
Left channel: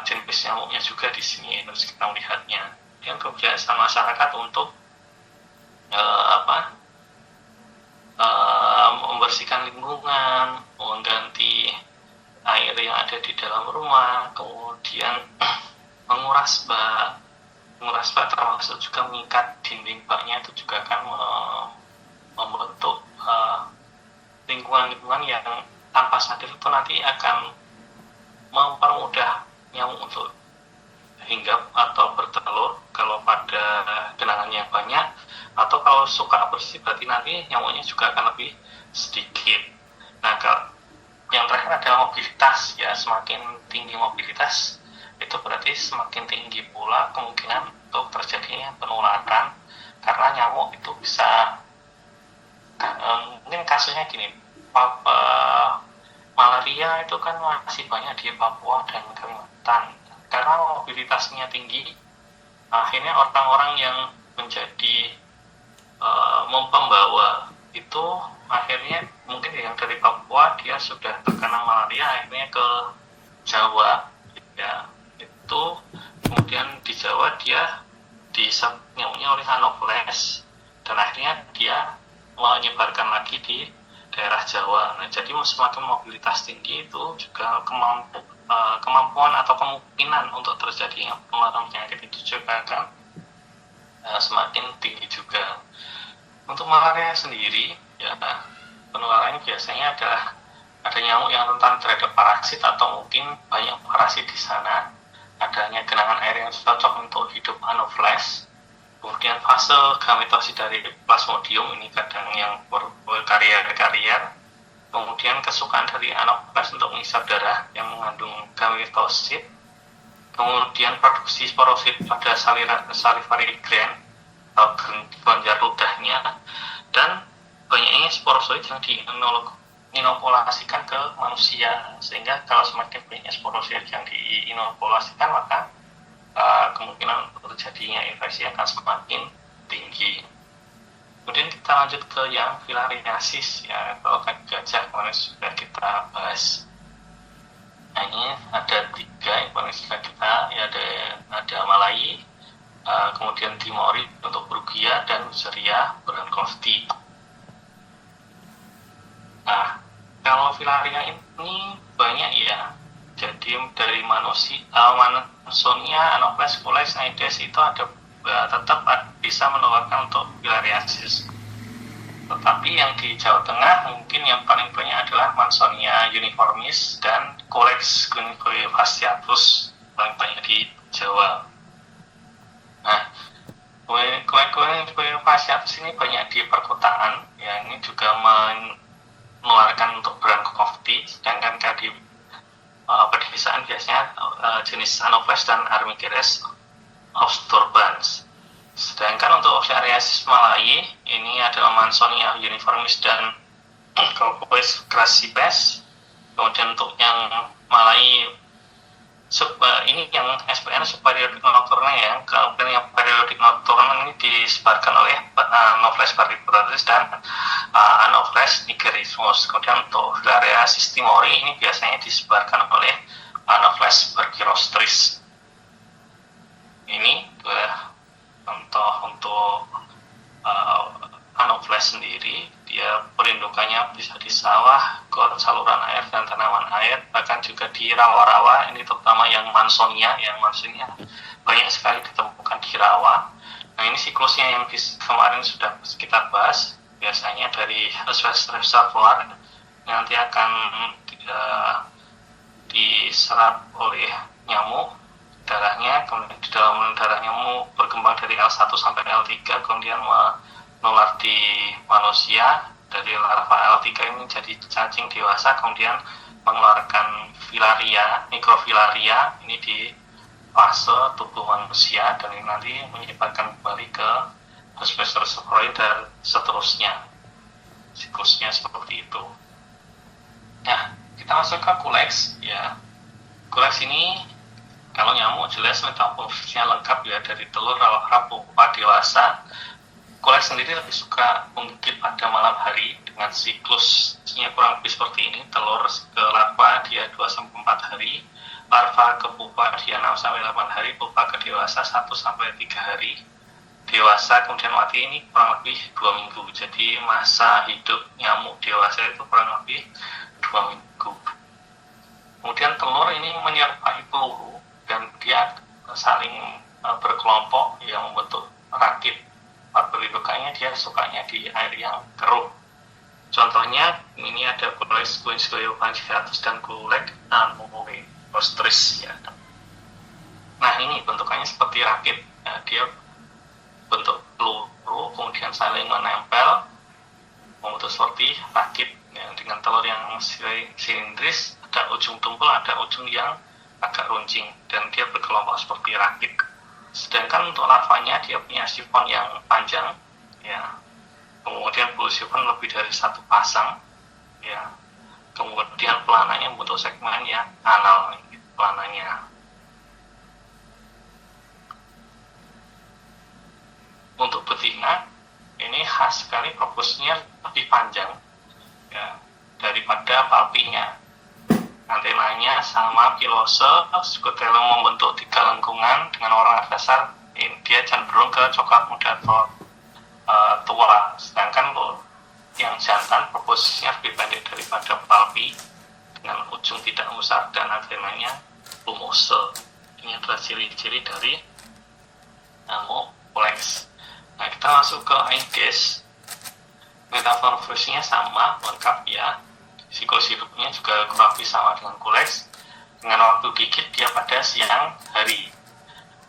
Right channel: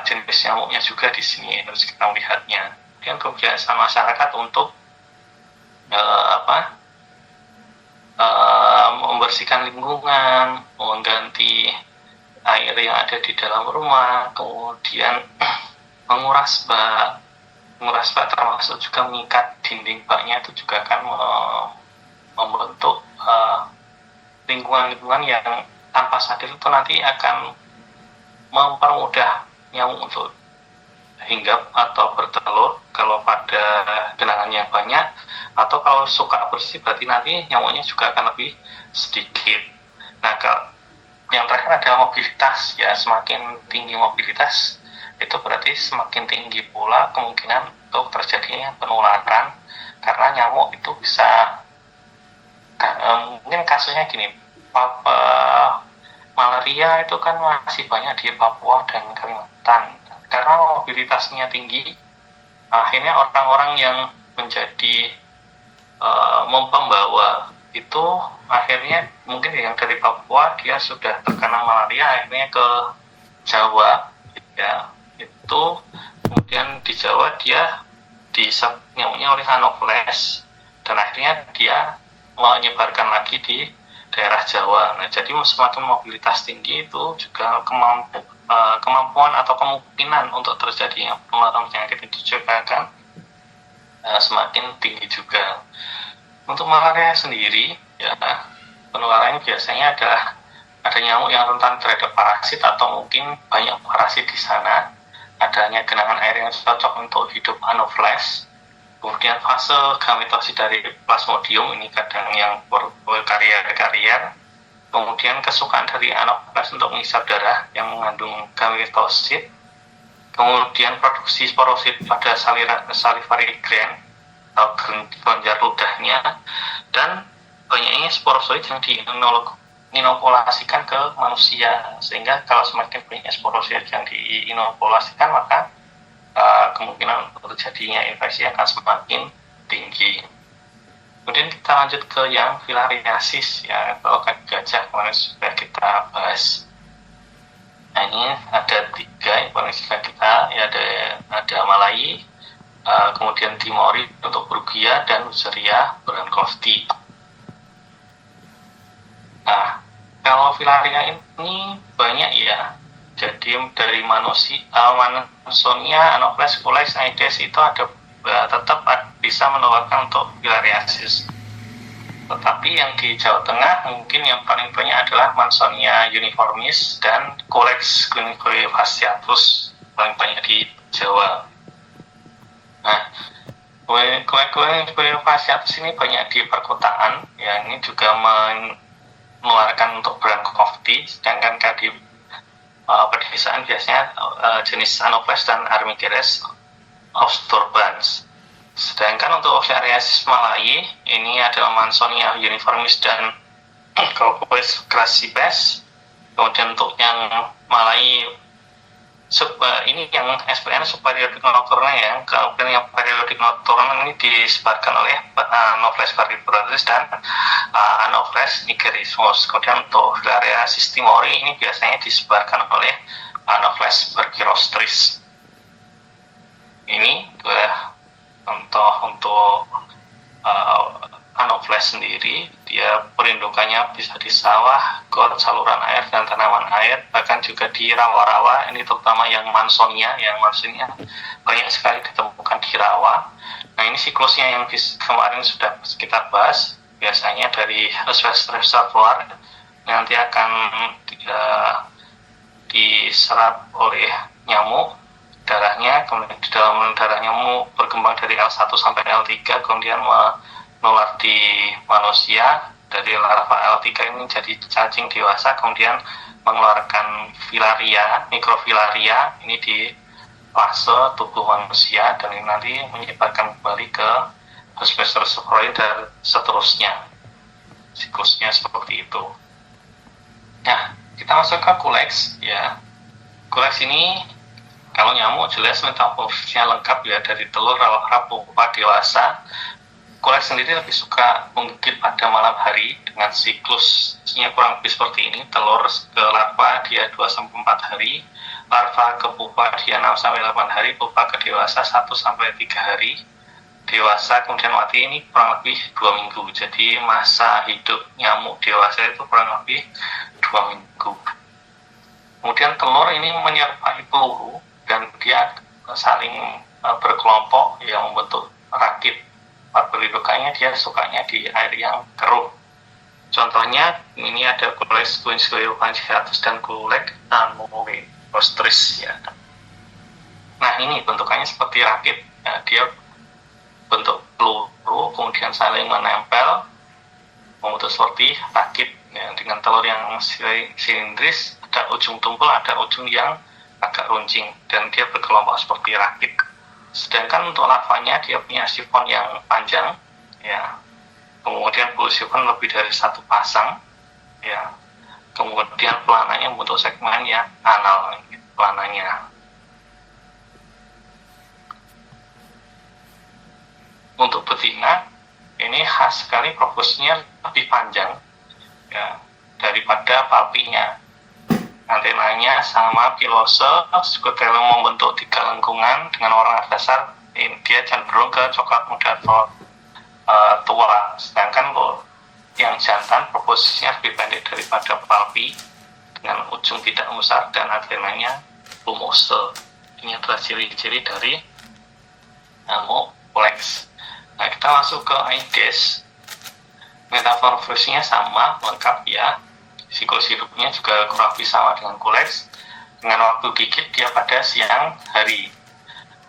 jenis nyamuknya juga di sini harus kita melihatnya. Dan kebiasaan masyarakat untuk membersihkan lingkungan, mengganti air yang ada di dalam rumah, kemudian menguras bak termasuk juga mengikat dinding baknya itu juga akan membentuk lingkungan-lingkungan yang tanpa sadar itu nanti akan mempermudah nyamuk untuk hinggap atau bertelur kalau pada genangan yang banyak, atau kalau suka bersih berarti nanti nyamuknya juga akan lebih sedikit. Nah, yang terakhir adalah mobilitas, ya semakin tinggi mobilitas itu berarti semakin tinggi pula kemungkinan untuk terjadinya penularan, karena nyamuk itu bisa mungkin kasusnya gini, malaria itu kan masih banyak di Papua dan Kalimantan. Karena mobilitasnya tinggi, akhirnya orang-orang yang menjadi pembawa itu akhirnya mungkin yang dari Papua dia sudah terkena malaria, akhirnya ke Jawa, ya itu kemudian di Jawa dia dihisap nyamuknya oleh Anopheles dan akhirnya dia menyebarkan lagi di daerah Jawa. Nah, jadi semakin mobilitas tinggi itu juga kemampuan atau kemungkinan untuk terjadinya penularan penyakit itu juga akan semakin tinggi juga. Untuk malaria sendiri, ya penularannya biasanya ada nyamuk yang rentan terhadap parasit atau mungkin banyak parasit di sana. Adanya genangan air yang cocok untuk hidup Anopheles. Kemudian fase gametosis dari Plasmodium ini kadang yang berkarier. Kemudian kesukaan dari Anopheles untuk mengisap darah yang mengandung gametosit. Kemudian produksi sporosit pada salivary gland atau kelenjar ludahnya, dan banyaknya sporozoid yang diinokulasikan ke manusia, sehingga kalau semakin banyak sporozoid yang diinokulasikan maka kemungkinan terjadinya infeksi akan semakin tinggi. Kemudian kita lanjut ke yang filariasis, ya atau kaki gajah kemarin sudah kita bahas. Nah, ini ada 3 yang sudah kita, ya ada Malai, kemudian Timori untuk Brugia, dan Neisseria bronckhorsti. Nah, kalau filaria ini banyak ya. Jadi dari Mansonia, Anopheles, Culex, Aedes itu tetap bisa menularkan untuk filariasis. Tetapi yang di Jawa Tengah mungkin yang paling banyak adalah Mansonia uniformis dan Culex fasciatus, paling banyak di Jawa. Nah, Culex fasciatus ini banyak di perkotaan, ya ini juga menularkan untuk bronckhorsti, sedangkan di pedesaan biasanya jenis Anopheles dan Armigeres austurbans. Sedangkan untuk filariasis Malai ini adalah Mansonia uniformis dan Culex crassipes. Kemudian untuk yang Malai ini yang SPN subperiodik nocturna, ya. Kemudian yang periodik nocturna ini disebarkan oleh Anopheles parviferatus dan Anopheles nigerismus. Kemudian untuk filariasis timori ini biasanya disebarkan oleh Anopheles berchirostris. Ini contoh untuk Anopheles sendiri, dia perindukannya bisa di sawah, got, saluran air, dan tanaman air, bahkan juga di rawa-rawa. Ini terutama yang Mansonia banyak sekali ditemukan di rawa. Nah, ini siklusnya yang kemarin sudah kita bahas, biasanya dari reservoir nanti akan diserap oleh nyamuk darahnya, kemudian di dalam darah nyamuk berkembang dari L1 sampai L3, kemudian menular di manusia. Dari larva L3 ini jadi cacing dewasa, kemudian mengeluarkan filaria, mikrofilaria ini di fase tubuh manusia, dan ini nanti menyebarkan kembali ke hospes reservoir dan seterusnya. Siklusnya seperti itu. Nah, kita masuk ke Culex, ya. Culex ini Kalau nyamuk jelas metamorfosisnya lengkap ya, dari telur, larva, pupa, dewasa. Kuleks sendiri lebih suka menggigit pada malam hari dengan siklusnya kurang lebih seperti ini. Telur ke larva dia 2-4 hari, larva ke pupa dia 6-8 hari, pupa ke dewasa 1-3 hari. Dewasa kemudian mati, ini kurang lebih 2 minggu. Jadi masa hidup nyamuk dewasa itu kurang lebih 2 minggu. Kemudian telur ini menyerupai peluru dan dia saling berkelompok yang membentuk rakit. Pendudukannya dia sukanya di air yang keruh. Contohnya ini ada Culex guinceolophagiatus dan Culex anomostris ya. Nah, ini bentukannya seperti rakit. Nah, dia bentuk peluru, kemudian saling menempel, membentuk seperti rakit ya, dengan telur yang silindris, ada ujung tumpul, ada ujung yang agak runcing, dan dia berkelompok seperti rakit. Sedangkan untuk larvanya dia punya sifon yang panjang ya, kemudian bulu sifon lebih dari 1 pasang ya, kemudian pelananya membentuk segmen yang anal pelananya. Untuk betina ini khas sekali, proboscisnya lebih panjang ya daripada palpinya. Antenanya sama pilose, skutelum membentuk 3 lengkungan dengan warna dasar dia cenderung ke coklat muda atau tua. Sedangkan yang jantan proboscisnya lebih pendek daripada palpi dengan ujung tidak besar dan antenanya plumose. Ini adalah ciri-ciri dari nyamuk Culex. Nah, kita masuk ke Aedes. Metamorfosisnya sama, lengkap ya. Siklus hidupnya juga kurang lebih sama dengan Culex. Dengan waktu gigit dia pada siang hari.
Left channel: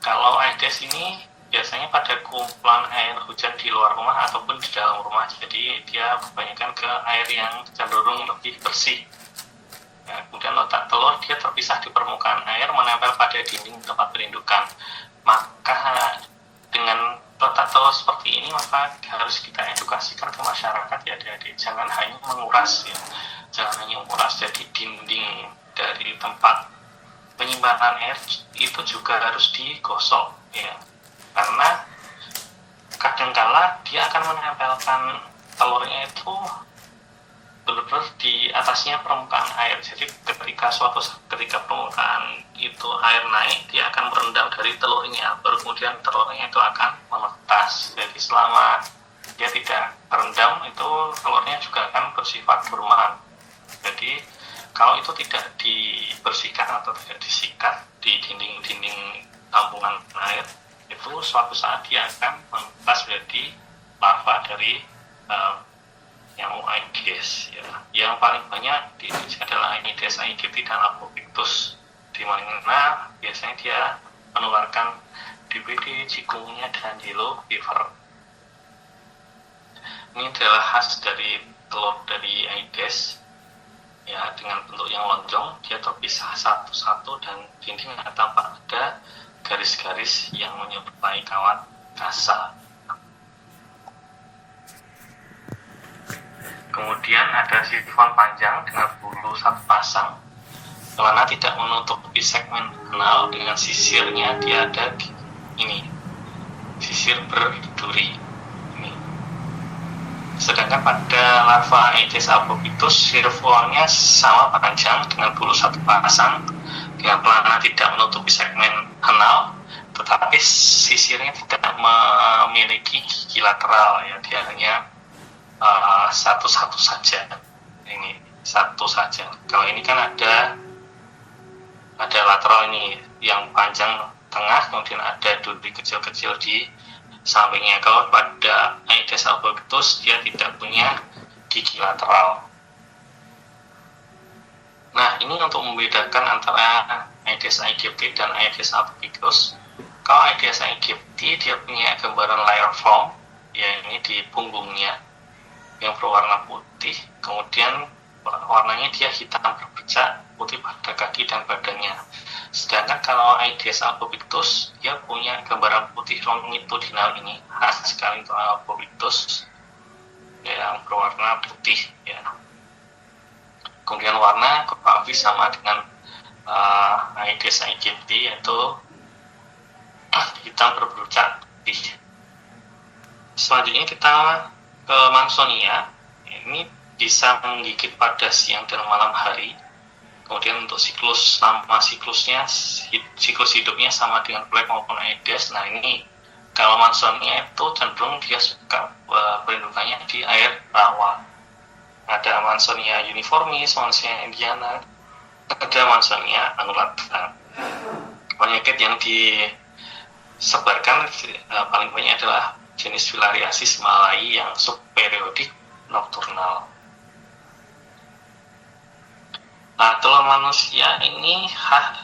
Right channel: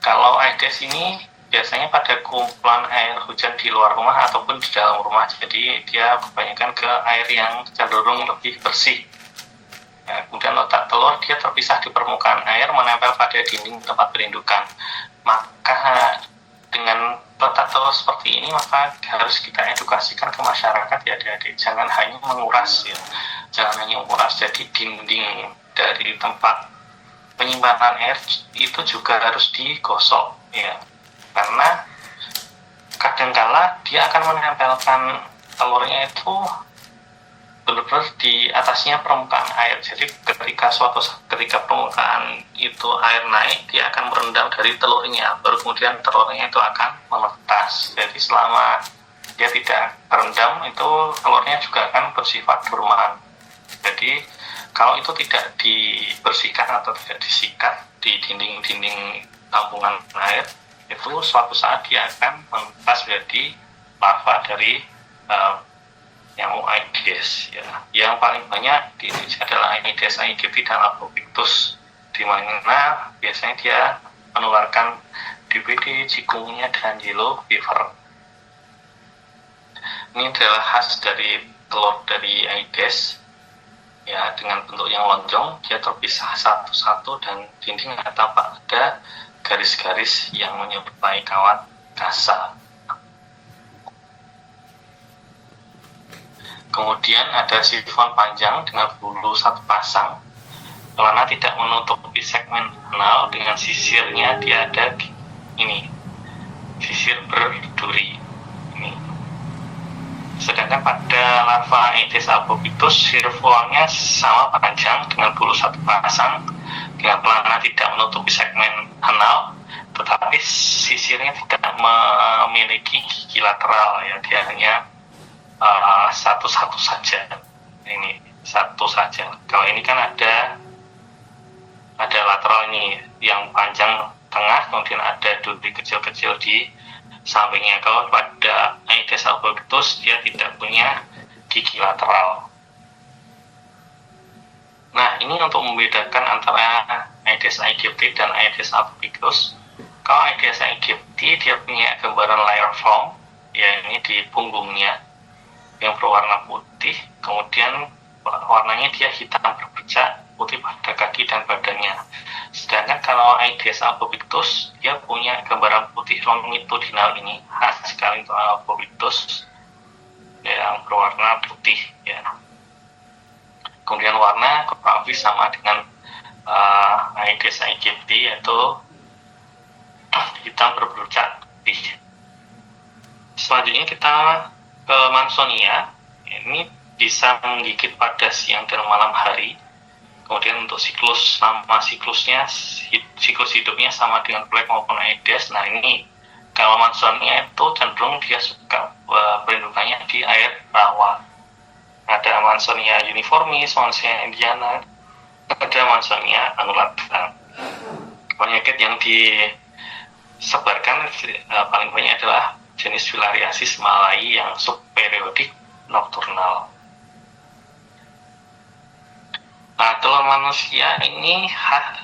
Kalau Aedes ini biasanya pada kumpulan air hujan di luar rumah ataupun di dalam rumah. Jadi dia kebanyakan ke air yang cenderung lebih bersih. Ya, kemudian letak telur dia terpisah di permukaan air, menempel pada dinding tempat berindukan. Maka dengan letak telur seperti ini, maka harus kita edukasikan ke masyarakat ya adik-adik. Jangan hanya menguras ya. Jangan hanya menguras, jadi dinding dari tempat penyimpanan air itu juga harus digosok ya. Karena kadangkala dia akan menempelkan telurnya itu benar-benar di atasnya permukaan air. Jadi ketika permukaan itu air naik, dia akan merendam dari telurnya, baru kemudian telurnya itu akan menetas. Jadi selama dia tidak terendam, itu telurnya juga akan bersifat dorman. Jadi kalau itu tidak dibersihkan atau tidak disikat di dinding-dinding tampungan air, itu suatu saat dia akan menetas menjadi larva dari nyamuk Aedes ya. Yang paling banyak di Indonesia adalah Aedes aegypti dan Albopictus, di mana biasanya dia menularkan DBD, chikungunya, dan yellow fever. Ini adalah khas dari telur dari Aedes ya, dengan bentuk yang lonjong, dia terpisah satu-satu dan dindingnya tampak ada garis-garis yang menyerupai kawat kasa. Kemudian ada sifon panjang dengan bulu 1 pasang, karena tidak menutupi segmen anal dengan sisirnya, dia ada ini sisir berduri ini. Sedangkan pada larva Aedes albopictus sirvolnya sama panjang dengan bulu 1 pasang, dengan pelana tidak menutupi segmen anal, tetapi sisirnya tidak memiliki gigi lateral ya, dia hanya satu-satu saja. Ini satu saja. Kalau ini kan ada lateral ini yang panjang tengah, kemudian ada duri kecil-kecil di sampingnya. Kalau pada Aedes albopictus dia tidak punya gigi lateral. Nah, ini untuk membedakan antara Aedes aegypti dan Aedes albopictus. Kalau Aedes aegypti dia punya gambaran layer form, ya ini di punggungnya yang berwarna putih, kemudian warnanya dia hitam berbercak putih pada kaki dan badannya. Sedangkan kalau Aedes albopictus dia punya gambaran putih longitudinal, ini khas sekali untuk albopictus yang berwarna putih ya. Kemudian warna kurang lebih sama dengan Aedes aegypti, yaitu hitam berbercak putih. Selanjutnya kita ke Mansonia. Ini bisa menggigit pada siang dan malam hari. Kemudian untuk siklusnya, siklus hidupnya sama dengan Plague maupun Aedes. Nah ini kalau Mansonia itu cenderung dia suka perindukannya di air rawa. Ada Mansonia uniformis, Mansonia indiana, ada Mansonia annulata. Penyakit yang disebarkan paling banyak adalah jenis filariasis malai yang subperiodik nokturnal. Nah, telur manusia ini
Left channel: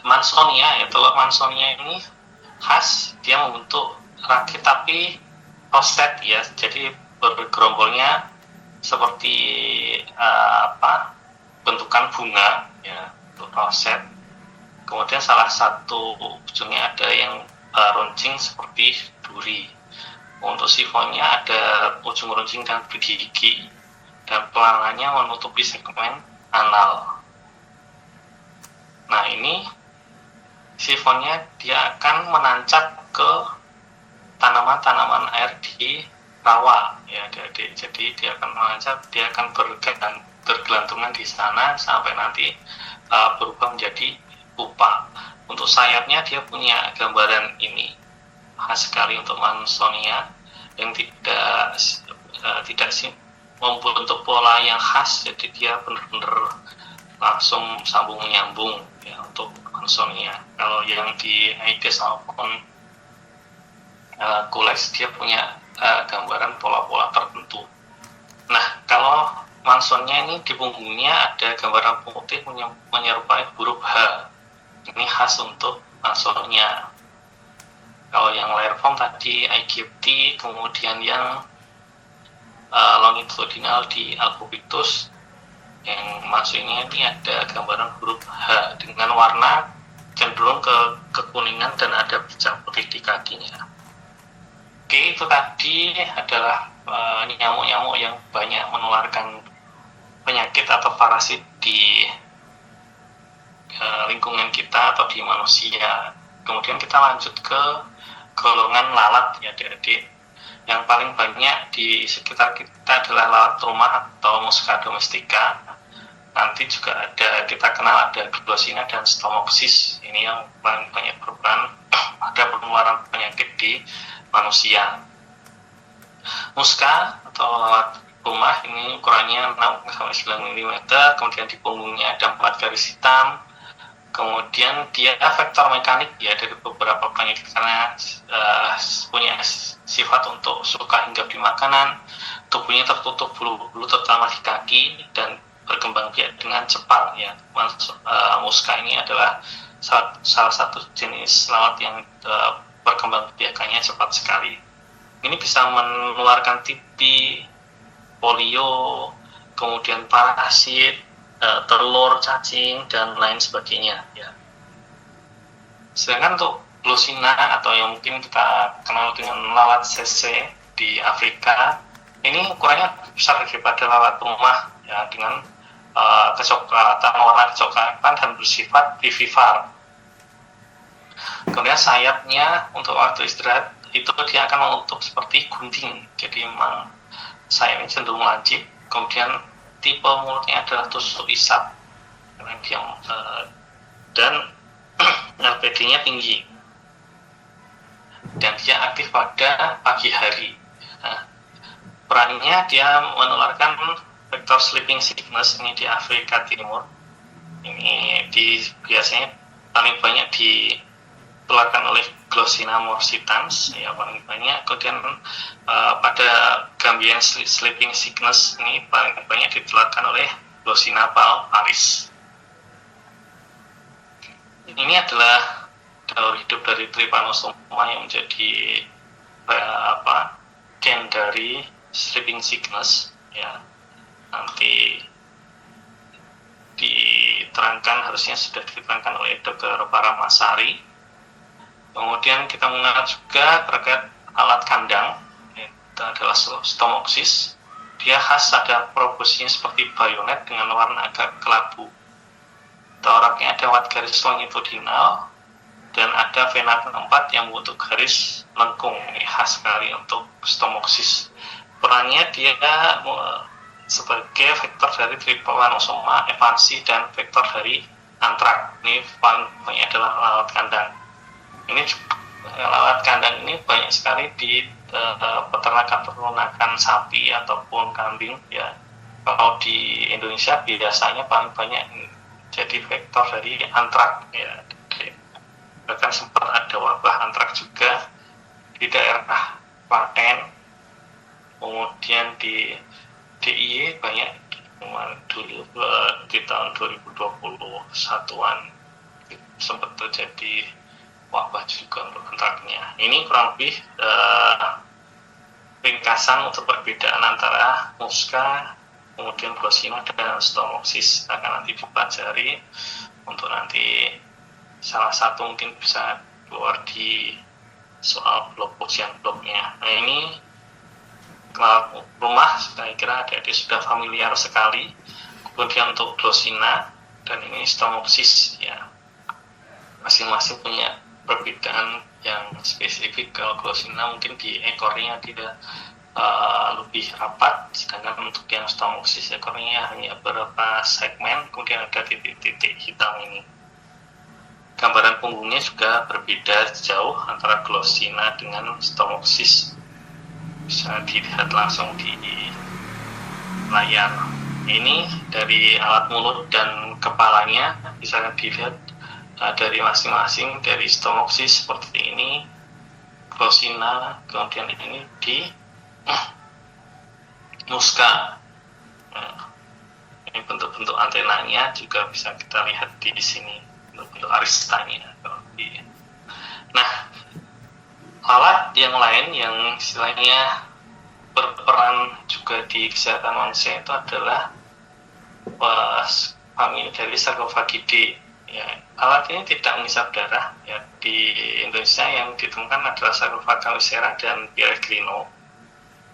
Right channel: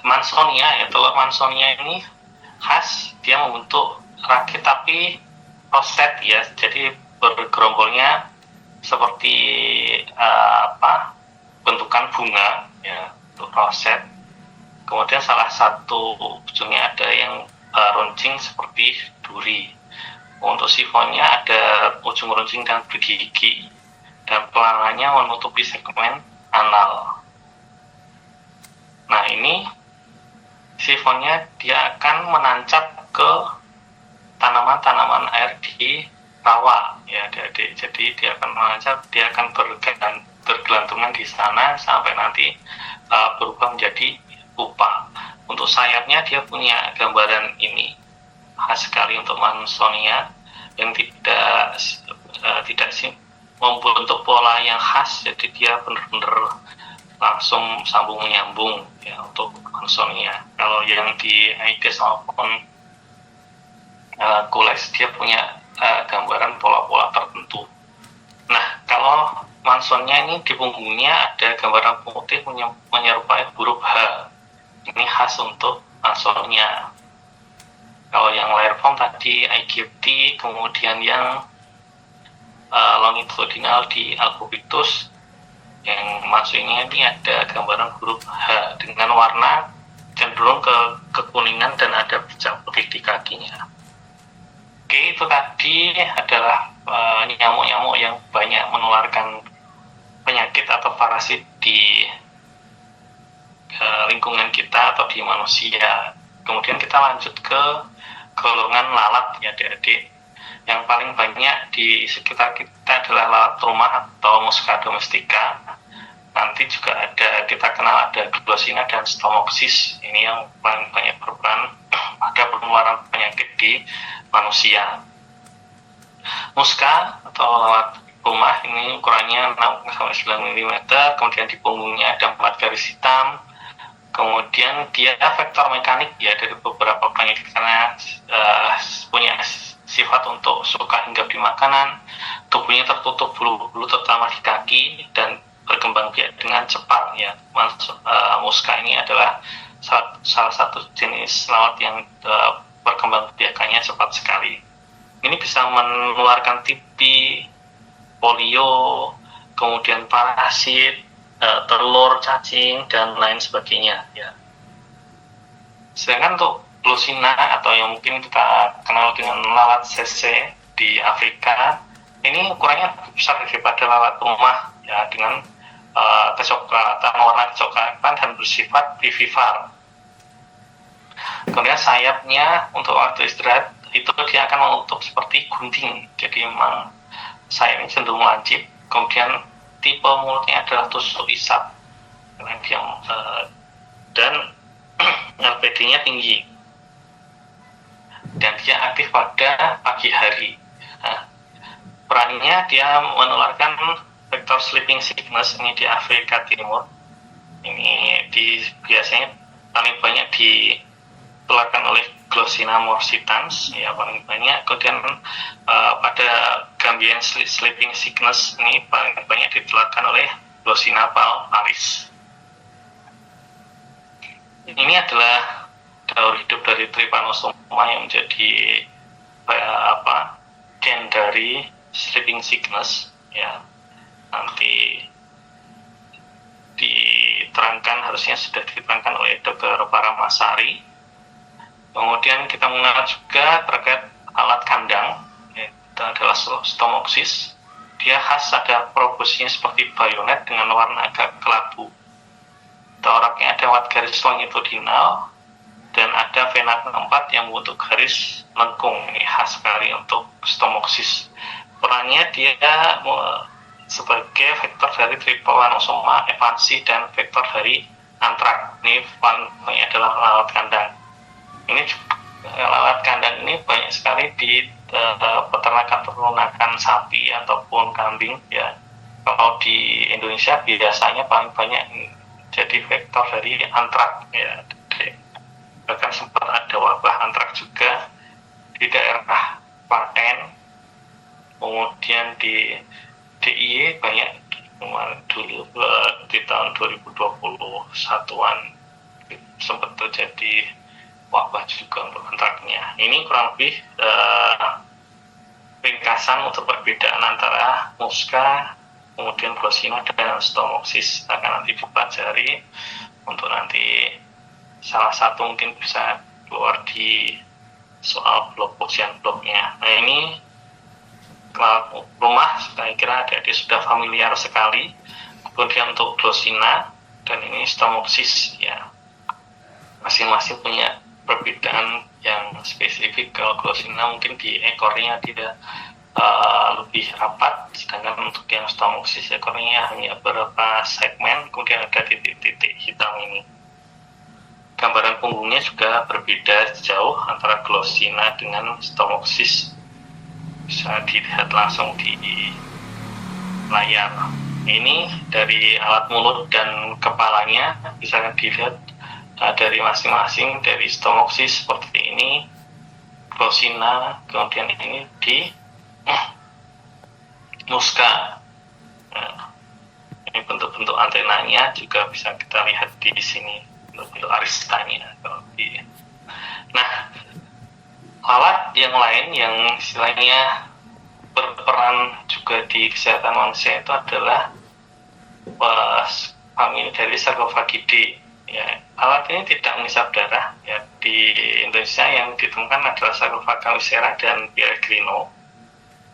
Mansonia, telur Mansonia ini khas, dia membentuk rakit tapi roset ya, jadi bergerombolnya seperti bentukan bunga ya, untuk roset. Kemudian salah satu ujungnya ada yang runcing seperti duri. Untuk sifonnya ada ujung runcing dan bergigi, dan pelangannya menutupi segmen anal. Nah ini sifonnya dia akan menancap ke tanaman-tanaman air di rawa ya adik-adik. Jadi dia akan menancap, dia akan bergelantungan di sana sampai nanti berubah menjadi pupa. Untuk sayapnya dia punya gambaran ini, khas sekali untuk Mansonia, yang tidak membentuk pola yang khas, jadi dia benar-benar langsung sambung menyambung ya untuk Mansonia. Kalau yang di Aedes maupun Culex dia punya gambaran pola-pola tertentu. Nah kalau Mansonia ini di punggungnya ada gambaran putih menyerupai huruf H. Ini khas untuk Mansonia. Kalau yang Lairform tadi Aegypti, kemudian yang longitudinal di Albupitus, yang masuknya ini ada gambaran huruf H dengan warna cenderung ke kekuningan dan ada bercak putih di kakinya. Oke, itu tadi adalah nyamuk-nyamuk yang banyak menularkan penyakit atau parasit di lingkungan kita atau di manusia. Kemudian kita lanjut ke golongan lalat ya adik-adik. Yang paling banyak di sekitar kita adalah lalat rumah atau Musca domestica. Nanti juga ada, kita kenal ada Glossina dan Stomopsis. Ini yang paling banyak berperan pada penularan penyakit di manusia. Musca atau lalat rumah ini ukurannya 6-9 mm, kemudian di punggungnya ada 4 garis hitam. Kemudian dia vektor mekanik ya dari beberapa penyakit karena punya sifat untuk suka hinggap di makanan, tubuhnya tertutup bulu-bulu terutama di kaki dan berkembang biak dengan cepat ya. Musca ini adalah salah satu jenis lalat yang berkembang biakannya cepat sekali. Ini bisa menularkan TB, polio, kemudian parasit, telur, cacing, dan lain sebagainya ya. Sedangkan untuk Glossina atau yang mungkin kita kenal dengan lalat CC di Afrika, ini ukurannya besar daripada lalat rumah ya, dengan kecoklatan, warna kecoklatan dan bersifat vivipar. Kemudian sayapnya untuk waktu istirahat itu dia akan menutup seperti gunting, jadi memang sayapnya cenderung lancip. Kemudian tipe mulutnya adalah tusuk isap dan LPD-nya tinggi dan dia aktif pada pagi hari. Nah, perannya dia menularkan vektor sleeping sickness ini di Afrika Timur. Ini biasanya paling banyak ditularkan oleh Glossina morsitans ya paling banyak. Kemudian pada Gambian sleeping sickness ini paling banyak ditularkan oleh Glossina palmaris. Ini adalah daur hidup dari Trypanosoma yang menjadi gen dari sleeping sickness ya. Nanti diterangkan, harusnya sudah diterangkan oleh Dr. Paramasari. Kemudian kita mengenal juga terkait alat kandang, itu adalah Stomopsis. Dia khas ada proboscisnya seperti bayonet dengan warna agak kelabu. Toraknya ada lewat garis longitudinal, dan ada vena keempat yang membentuk garis lengkung. Ini khas sekali untuk stomoksis. Perannya dia sebagai vektor dari tripanosoma evansi dan vektor dari antrak. Ini paling banyak adalah lalat kandang. Ini lalat kandang ini banyak sekali di peternakan sapi ataupun kambing ya. Kalau di Indonesia biasanya paling banyak jadi vektor dari antrak ya. Bahkan sempat ada wabah antrak juga di daerah Klaten, kemudian di DIY banyak dulu di tahun 2021-an sempat terjadi wabah juga untuk antraknya. Ini kurang lebih ringkasan untuk perbedaan antara Musca, kemudian Glossina dan Stomoksis. Akan nanti dipelajari untuk nanti salah satu mungkin bisa keluar di soal blog ujian blognya. Nah ini rumah saya kira adik-adik sudah familiar sekali. Kemudian untuk Glossina dan ini Stomoksis ya, masing-masing punya perbedaan yang spesifik. Kalau Glossina mungkin di ekornya dia lebih rapat, sedangkan untuk yang Stomoksis ekornya hanya beberapa segmen, kemudian ada titik-titik hitam ini. Gambaran punggungnya juga berbeda jauh antara Glossina dengan Stomoksis. Bisa dilihat langsung di layar. Ini dari alat mulut dan kepalanya bisa dilihat dari masing-masing. Dari Stomoksis seperti ini, Glossina, kemudian ini di Musca. Nah, ini bentuk-bentuk antenanya juga bisa kita lihat di sini, bentuk aristanya. Nah, alat yang lain yang istilahnya berperan juga di kesehatan manusia itu adalah famili dari Sarcophagidae. Ya, alat ini tidak mengisap darah. Ya, di Indonesia yang ditemukan adalah Sarcophaga viscera dan Peregrino.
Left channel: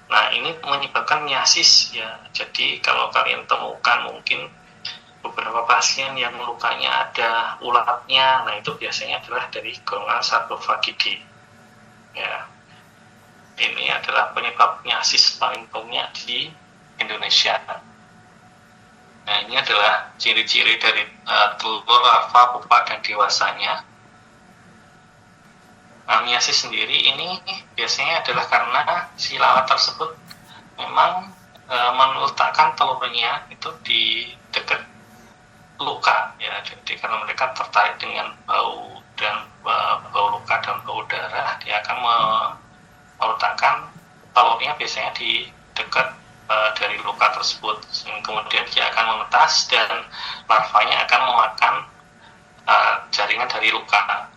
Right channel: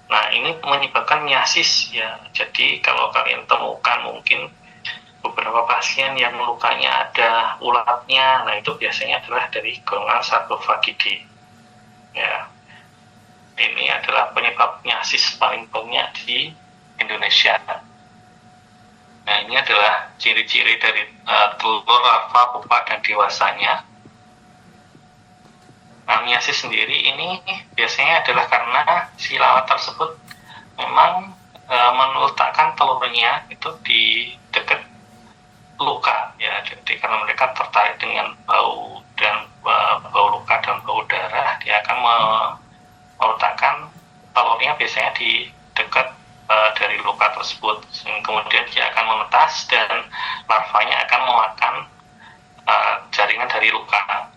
Nah, ini menyebabkan miasis ya. Jadi kalau kalian temukan mungkin beberapa pasien yang lukanya ada ulatnya, nah itu biasanya adalah dari golongan Sarcophagidae. Ya, ini adalah penyebab miasis paling banyak di Indonesia. Nah, ini adalah ciri-ciri dari telur, larva, pupa, dan dewasanya. Nah, miasis sendiri ini biasanya adalah karena si lalat tersebut memang meletakkan telurnya itu di dekat luka ya. Jadi karena mereka tertarik dengan bau dan bau luka dan bau darah, dia akan meletakkan telurnya biasanya di dekat dari luka tersebut. Kemudian dia akan menetas dan larvanya akan memakan jaringan dari luka.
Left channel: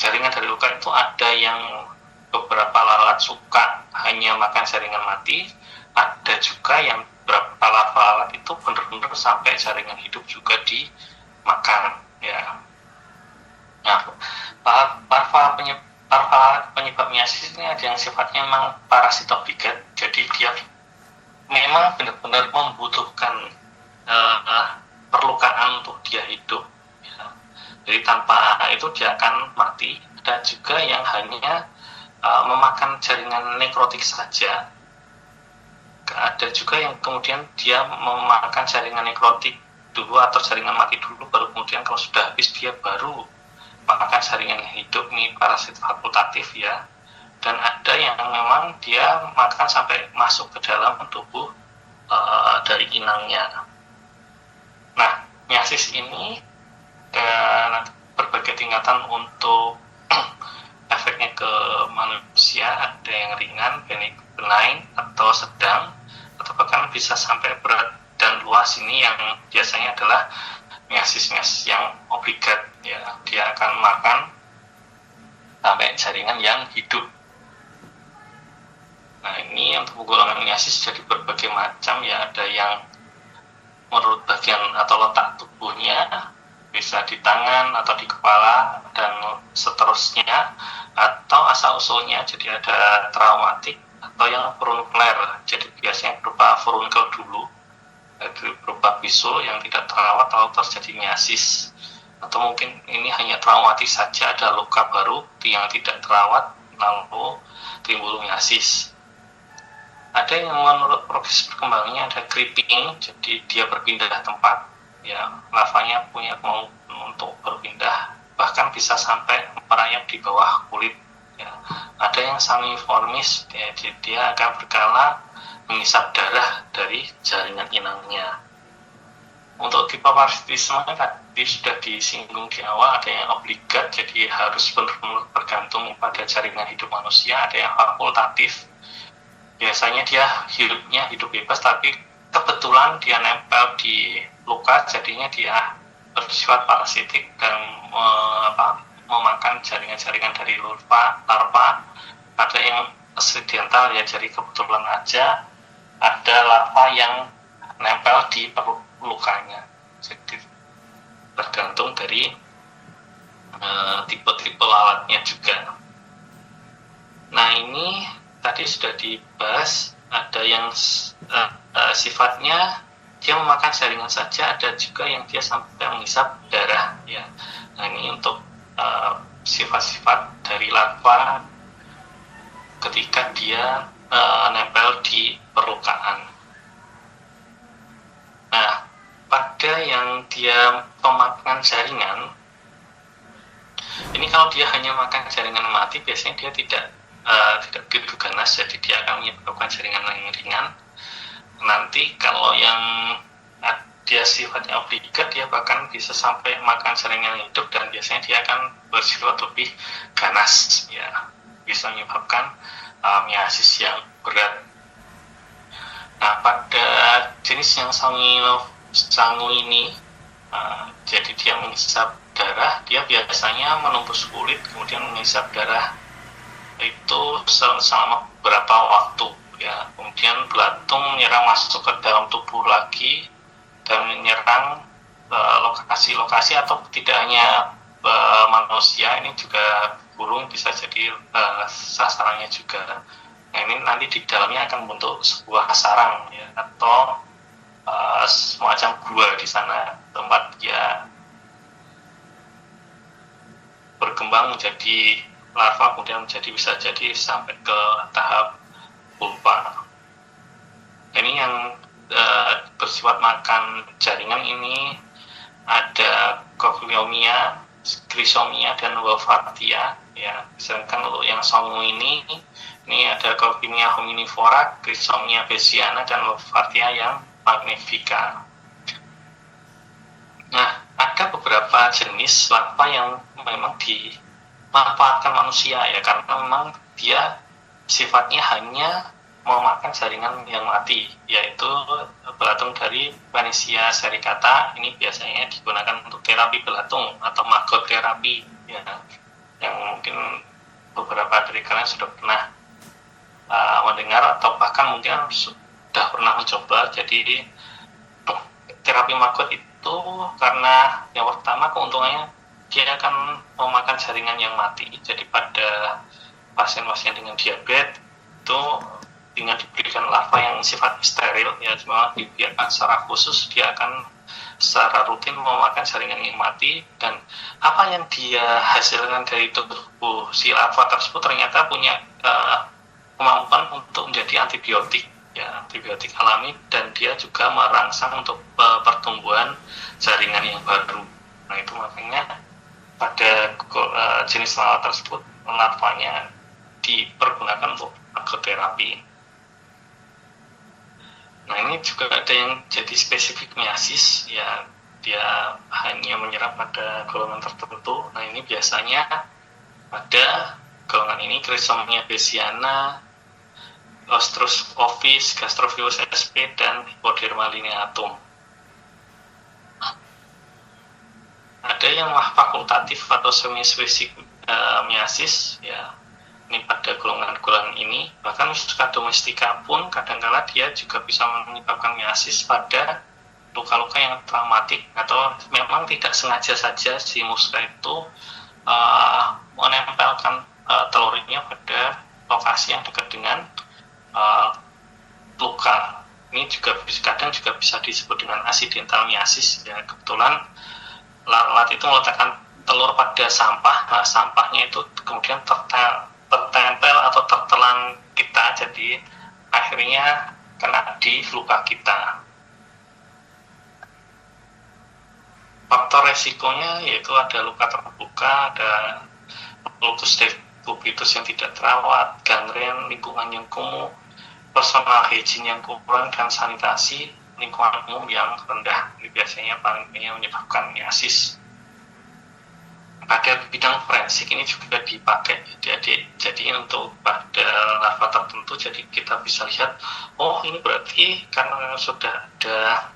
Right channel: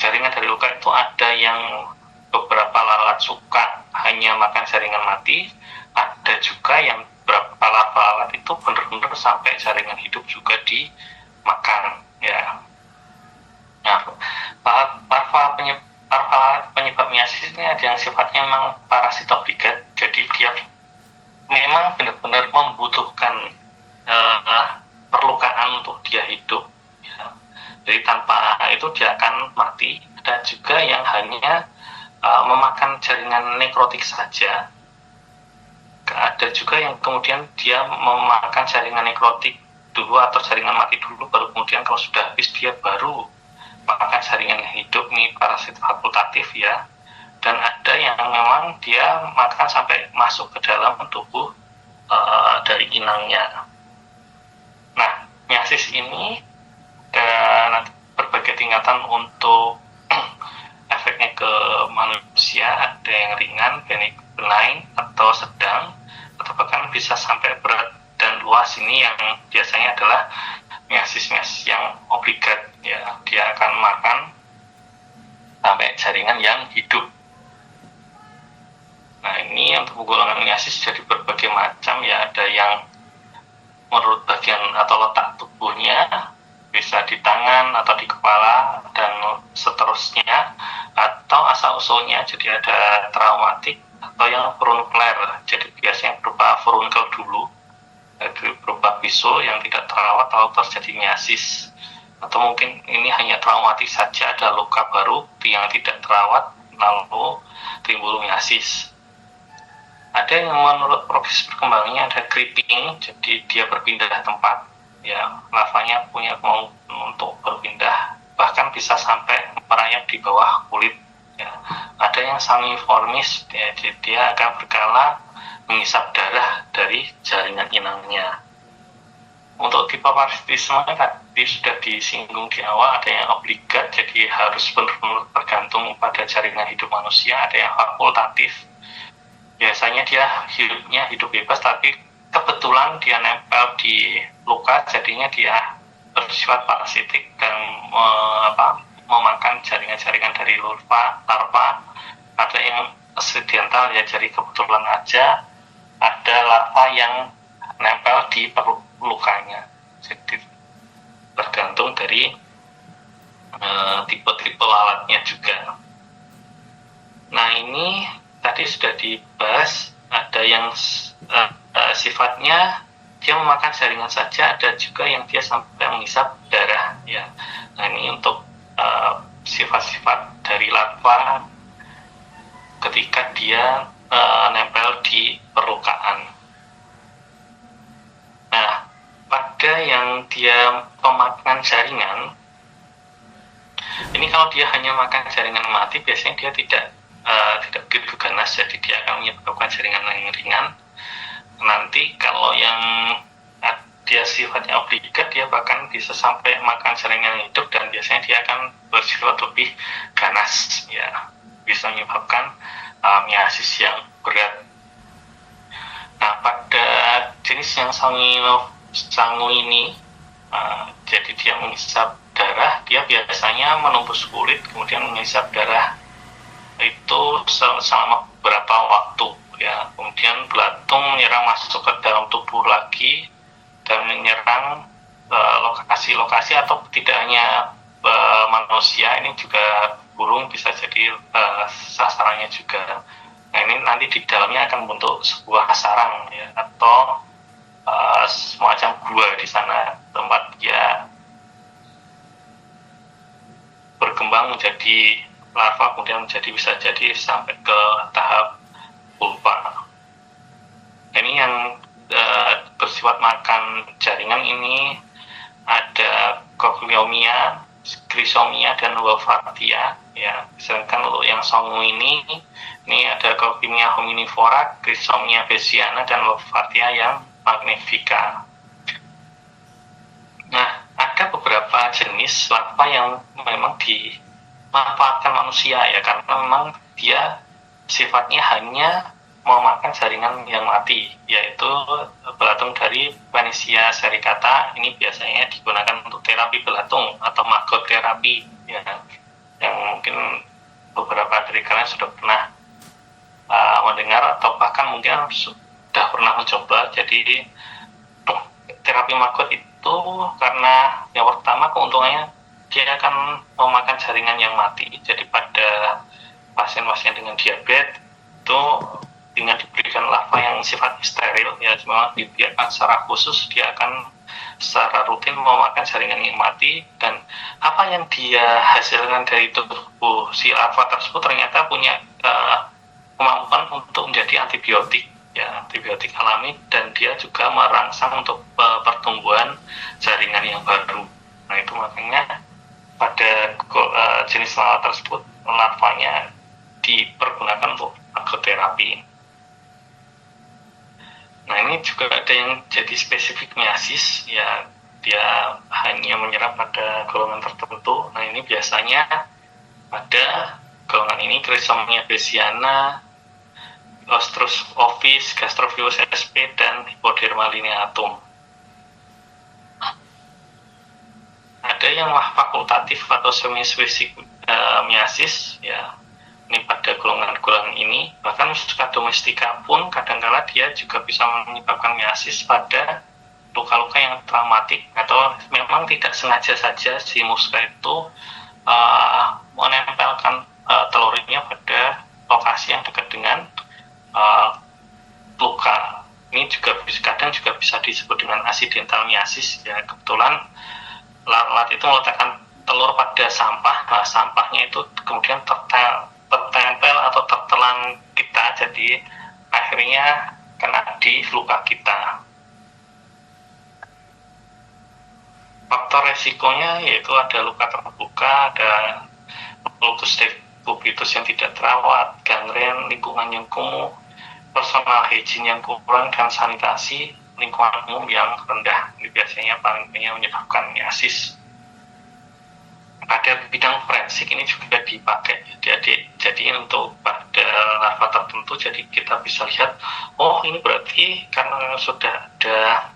Jaringan dari luka itu ada yang beberapa lalat suka hanya makan jaringan mati, ada juga yang beberapa lalat itu benar-benar sampai jaringan hidup juga dimakan ya. Nah, larva penyebab miasis ini ada yang sifatnya memang parasitobligat, jadi dia memang benar-benar membutuhkan perlukaan untuk dia hidup ya. Jadi tanpa itu dia akan mati. Ada juga yang hanya memakan jaringan nekrotik saja. Ada juga yang kemudian dia memakan jaringan nekrotik dulu atau jaringan mati dulu, baru kemudian kalau sudah habis dia baru makan jaringan hidup, ini parasit fakultatif ya. Dan ada yang memang dia makan sampai masuk ke dalam tubuh dari inangnya. Nah, miasis ini dan berbagai tingkatan untuk efeknya ke manusia, ada yang ringan, benign atau sedang, atau bahkan bisa sampai berat dan luas. Ini yang biasanya adalah miasis yang obligat ya, dia akan makan sampai jaringan yang hidup. Nah, ini untuk golongan miasis jadi berbagai macam ya, ada yang menurut bagian atau letak tubuhnya, bisa di tangan atau di kepala dan seterusnya, atau asal-usulnya jadi ada traumatik atau yang furuncular, jadi biasanya berupa furunkel dulu, jadi berupa bisul yang tidak terawat atau terjadi miasis. atau mungkin ini hanya traumatis saja, ada luka baru yang tidak terawat lalu timbul miasis. Ada yang menurut proses perkembangannya ada creeping, jadi dia berpindah tempat, ya larvanya punya kemampuan untuk berpindah, bahkan bisa sampai merayap di bawah kulit. Ya. Ada yang sanguiformis, ya, jadi dia akan berkala mengisap darah dari jaringan inangnya. Untuk tipe parasitisme tadi sudah disinggung di awal, ada yang obligat, jadi harus benar-benar bergantung pada jaringan hidup manusia. Ada yang fakultatif, biasanya dia hidupnya hidup bebas, tapi kebetulan dia nempel di luka, jadinya dia bersifat parasitik dan memakan jaringan-jaringan dari larva. Ada yang aksidental, ya jadi kebetulan aja ada larva yang nempel di lukanya. Jadi tergantung dari tipe-tipe lalatnya juga. Nah, ini tadi sudah dibahas, ada yang sifatnya dia memakan jaringan saja, ada juga yang dia sampai mengisap darah, ya. Nah, ini untuk sifat-sifat dari larva ketika dia nempel di permukaan. Nah, pada yang dia pemakan jaringan, ini kalau dia hanya makan jaringan mati, biasanya dia tidak begitu ganas, jadi dia akan menyebabkan jaringan yang ringan. Nanti kalau yang dia sifatnya obligat, dia bahkan bisa sampai makan jaringan hidup, dan biasanya dia akan bersifat lebih ganas, ya, bisa menyebabkan miasis yang berat. Nah, pada jenis yang sangu ini, jadi dia mengisap darah, dia biasanya menembus kulit, kemudian mengisap darah itu selama beberapa waktu, ya. Kemudian belatung menyerang masuk ke dalam tubuh lagi dan menyerang lokasi-lokasi, atau tidak hanya manusia, ini juga burung bisa jadi sasarannya juga. Nah, ini nanti di dalamnya akan membentuk sebuah sarang, ya, atau semacam gua di sana, tempat dia berkembang menjadi larva, kemudian bisa jadi sampai ke tahap pulpa. Ini yang bersifat makan jaringan ini ada Cochleomia, Chrysomia, dan Wolfratia, ya. Sedangkan untuk yang sangu ini ada Cochleomia hominivora, Chrysomia bassiana, dan Wolfratia yang magnifica. Nah, ada beberapa jenis larva yang memang dimanfaatkan manusia, ya, karena memang dia sifatnya hanya memakan jaringan yang mati, yaitu belatung dari Panacea sericata. Ini biasanya digunakan untuk terapi belatung atau maggot terapi, ya, yang mungkin beberapa dari kalian sudah pernah mendengar atau bahkan mungkin sudah pernah mencoba. Jadi terapi maggot itu karena yang pertama keuntungannya dia akan memakan jaringan yang mati. Jadi pada pasien-pasien dengan diabetes itu dengan diberikan larva yang sifatnya steril, ya, memang dibiarkan secara khusus, dia akan secara rutin memakan jaringan yang mati, dan apa yang dia hasilkan dari tubuh si larva tersebut ternyata punya kemampuan untuk menjadi antibiotik, ya, antibiotik alami, dan dia juga merangsang untuk pertumbuhan jaringan yang baru. Nah, itu makanya pada jenis lalat tersebut larvanya dipergunakan untuk agroterapi. Nah, ini juga ada yang jadi spesifik miasis, ya, dia hanya menyerang pada golongan tertentu. Nah, ini biasanya pada golongan ini Chrysomia bassiana, Ostrus ovis, Gastrovirus sp, dan Hypoderma lineatum. Ada yang fakultatif atau semi-spesifik miasis, ya. Ini pada golongan-golongan ini, bahkan Musca domestica pun kadang-kala dia juga bisa menyebabkan miasis pada luka-luka yang traumatik, atau memang tidak sengaja saja si Musca itu menempelkan telurnya pada lokasi yang dekat dengan luka. Ini juga kadang juga bisa disebut dengan accidental miasis, ya. Kebetulan lalat itu meletakkan telur pada sampah. Nah, sampahnya itu kemudian tertempel atau tertelan kita, jadi akhirnya kena di luka kita. Faktor resikonya yaitu ada luka terbuka, ada lupus pubitus yang tidak terawat, gangren, lingkungan yang kumuh, personal hygiene yang kurang, dan sanitasi lingkungan umum yang rendah. Ini biasanya paling banyak menyebabkan miasis. Pada bidang forensik ini juga dipakai, jadi untuk pada larva tertentu, jadi kita bisa lihat, oh ini berarti karena sudah ada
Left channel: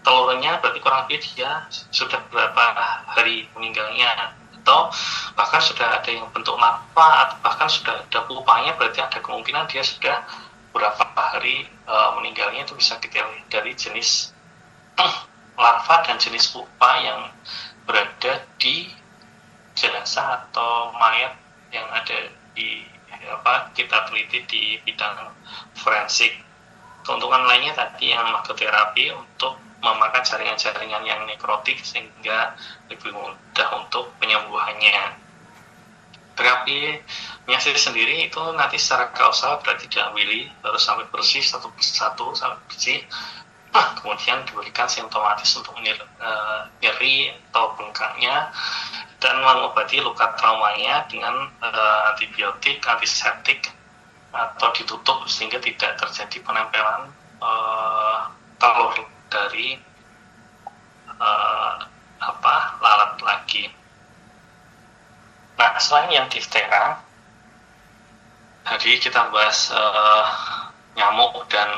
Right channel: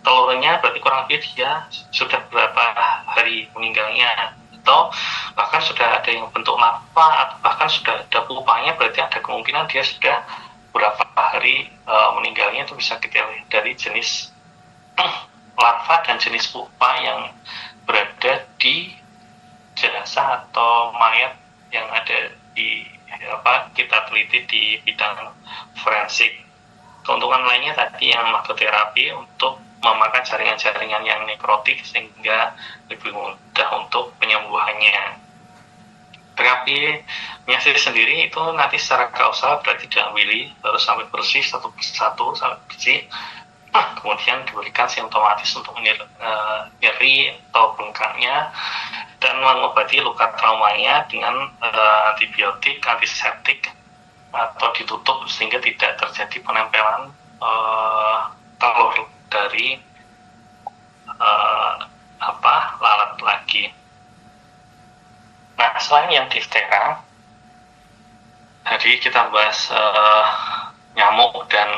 telurnya, berarti kurang lebih dia sudah berapa hari meninggalnya, atau bahkan sudah ada yang bentuk larva, atau bahkan sudah ada pupanya, berarti ada kemungkinan dia sudah berapa hari meninggalnya. Itu bisa kita lihat dari jenis larva dan jenis pupa yang berada di jenazah atau mayat yang ada di kita teliti di bidang forensik. Keuntungan lainnya tadi yang magoterapi untuk memakan jaringan-jaringan yang nekrotik sehingga lebih mudah untuk penyembuhannya. Terapi miasis sendiri itu nanti secara kausal berarti diambil harus sampai bersih satu persatu sampai bersih. Kemudian diberikan simptomatis untuk nyeri atau bengkaknya, dan mengobati luka traumanya dengan antibiotik, antiseptik, atau ditutup sehingga tidak terjadi penempelan telur dari lalat lagi. Nah, selain yang diftera, tadi kita bahas nyamuk dan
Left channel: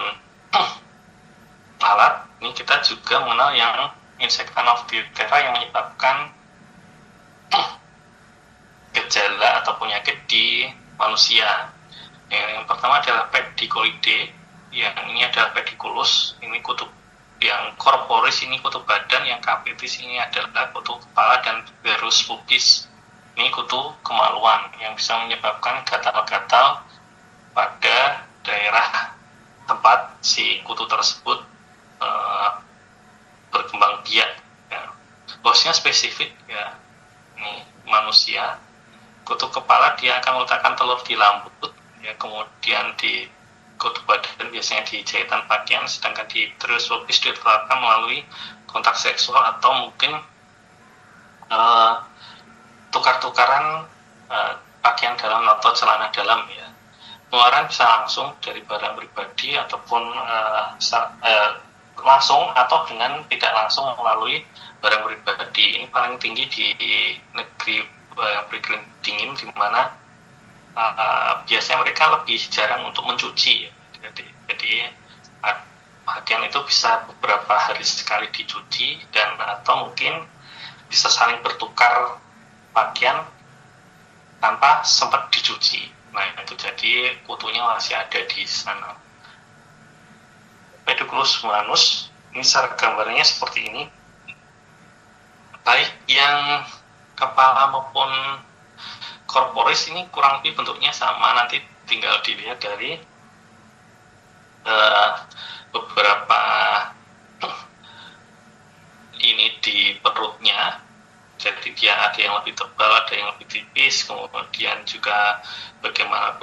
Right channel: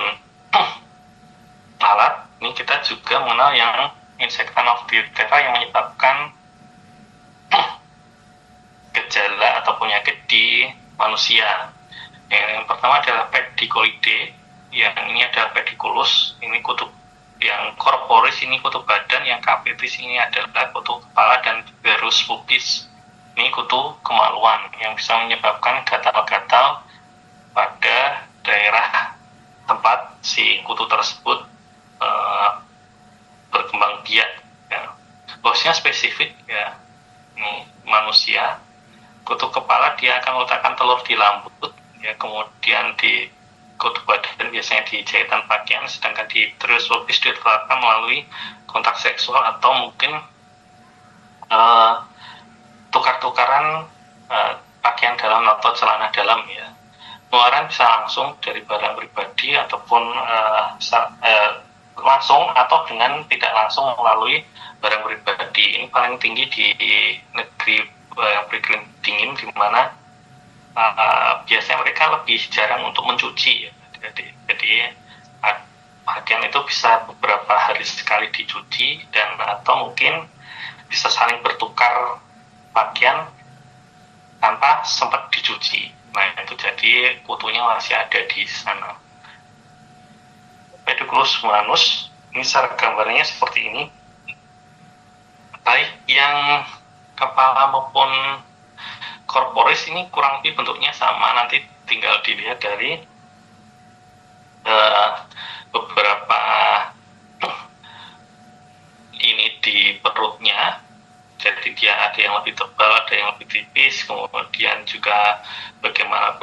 lalat, ini kita juga mengenal yang insektan of diphtheria yang menyebabkan gejala atau penyakit di manusia. Yang pertama adalah pedicolidae, yang ini adalah pediculus, ini kutub yang corporis, ini kutub badan, yang capitis ini adalah kutub kepala, dan berus pubis ini kutu kemaluan, yang bisa menyebabkan gatal-gatal pada daerah tempat si kutu tersebut berkembang biak. Ya. Bosnya spesifik ya, ini manusia. Kutu kepala dia akan meletakkan telur di lambut, ya, kemudian di kutu badan biasanya di jahitan pakaian, sedangkan di berus pubis ditularkan melalui kontak seksual atau mungkin tukar-tukaran pakaian dalam atau celana dalam, ya. Penularan bisa langsung dari barang pribadi ataupun langsung atau dengan tidak langsung melalui barang pribadi. Ini paling tinggi di negeri yang beriklim dingin, di mana biasanya mereka lebih jarang untuk mencuci. Jadi pakaian itu bisa beberapa hari sekali dicuci, dan atau mungkin bisa saling bertukar pakaian tanpa sempat dicuci. Nah, itu jadi kutunya masih ada di sana. Pediculus humanus, ini secara gambarnya seperti ini. Baik yang kepala maupun corporis ini kurang lebih bentuknya sama, nanti tinggal dilihat dari beberapa ini di perutnya. Jadi dia ada yang lebih tebal, ada yang lebih tipis, kemudian juga bagaimana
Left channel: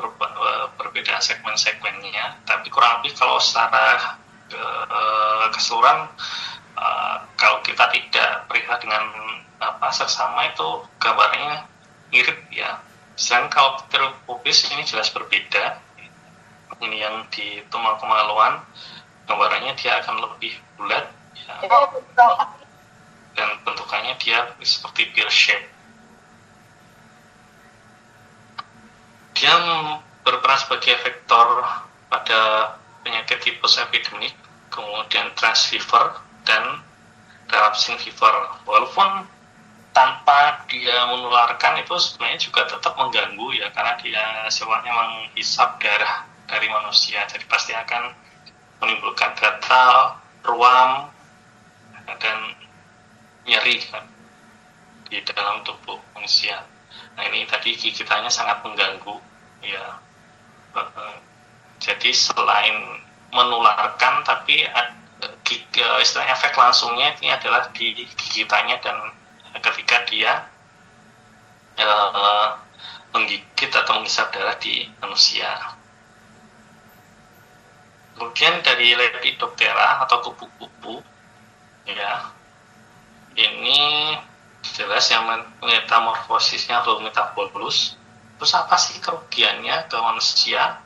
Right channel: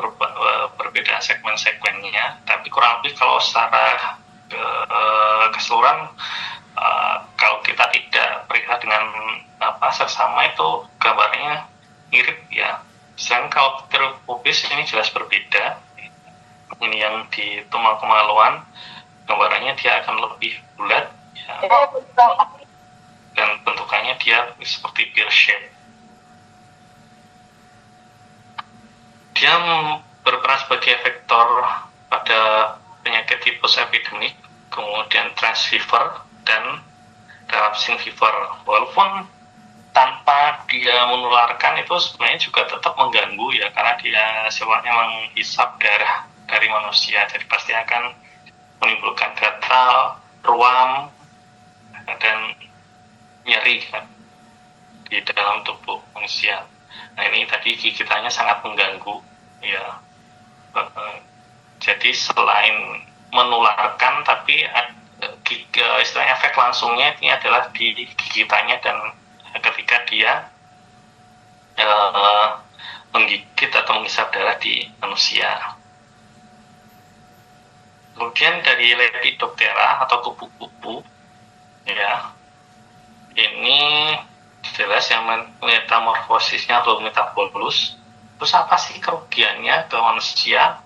perbedaan segmen-segmennya. Tapi kurang lebih kalau secara keseluruhan, kalau kita tidak periksa dengan seksama, itu gambarnya mirip, ya. Sedangkan kalau pteropubis ini jelas berbeda. Ini yang di tumal kemaluan, gambarannya dia akan lebih bulat, ya. Dan bentukannya dia seperti pear shape. Dia berperan sebagai vektor pada penyakit tipus epidemik, kemudian transfever dan relapsing fever. Walaupun tanpa dia menularkan, itu sebenarnya juga tetap mengganggu, ya, karena dia sifatnya menghisap darah dari manusia, jadi pasti akan menimbulkan gatal, ruam, dan nyeri kan di dalam tubuh manusia. Nah, ini tadi gigitannya sangat mengganggu, ya. Jadi selain menularkan, tapi istilahnya efek langsungnya ini adalah di gigitannya dan ketika dia menggigit atau menghisap darah di manusia. Kemudian dari Lepidoptera atau kupu-kupu, ya, ini jelas yang metamorfosisnya Holometabolus. Terus apa sih kerugiannya ke manusia?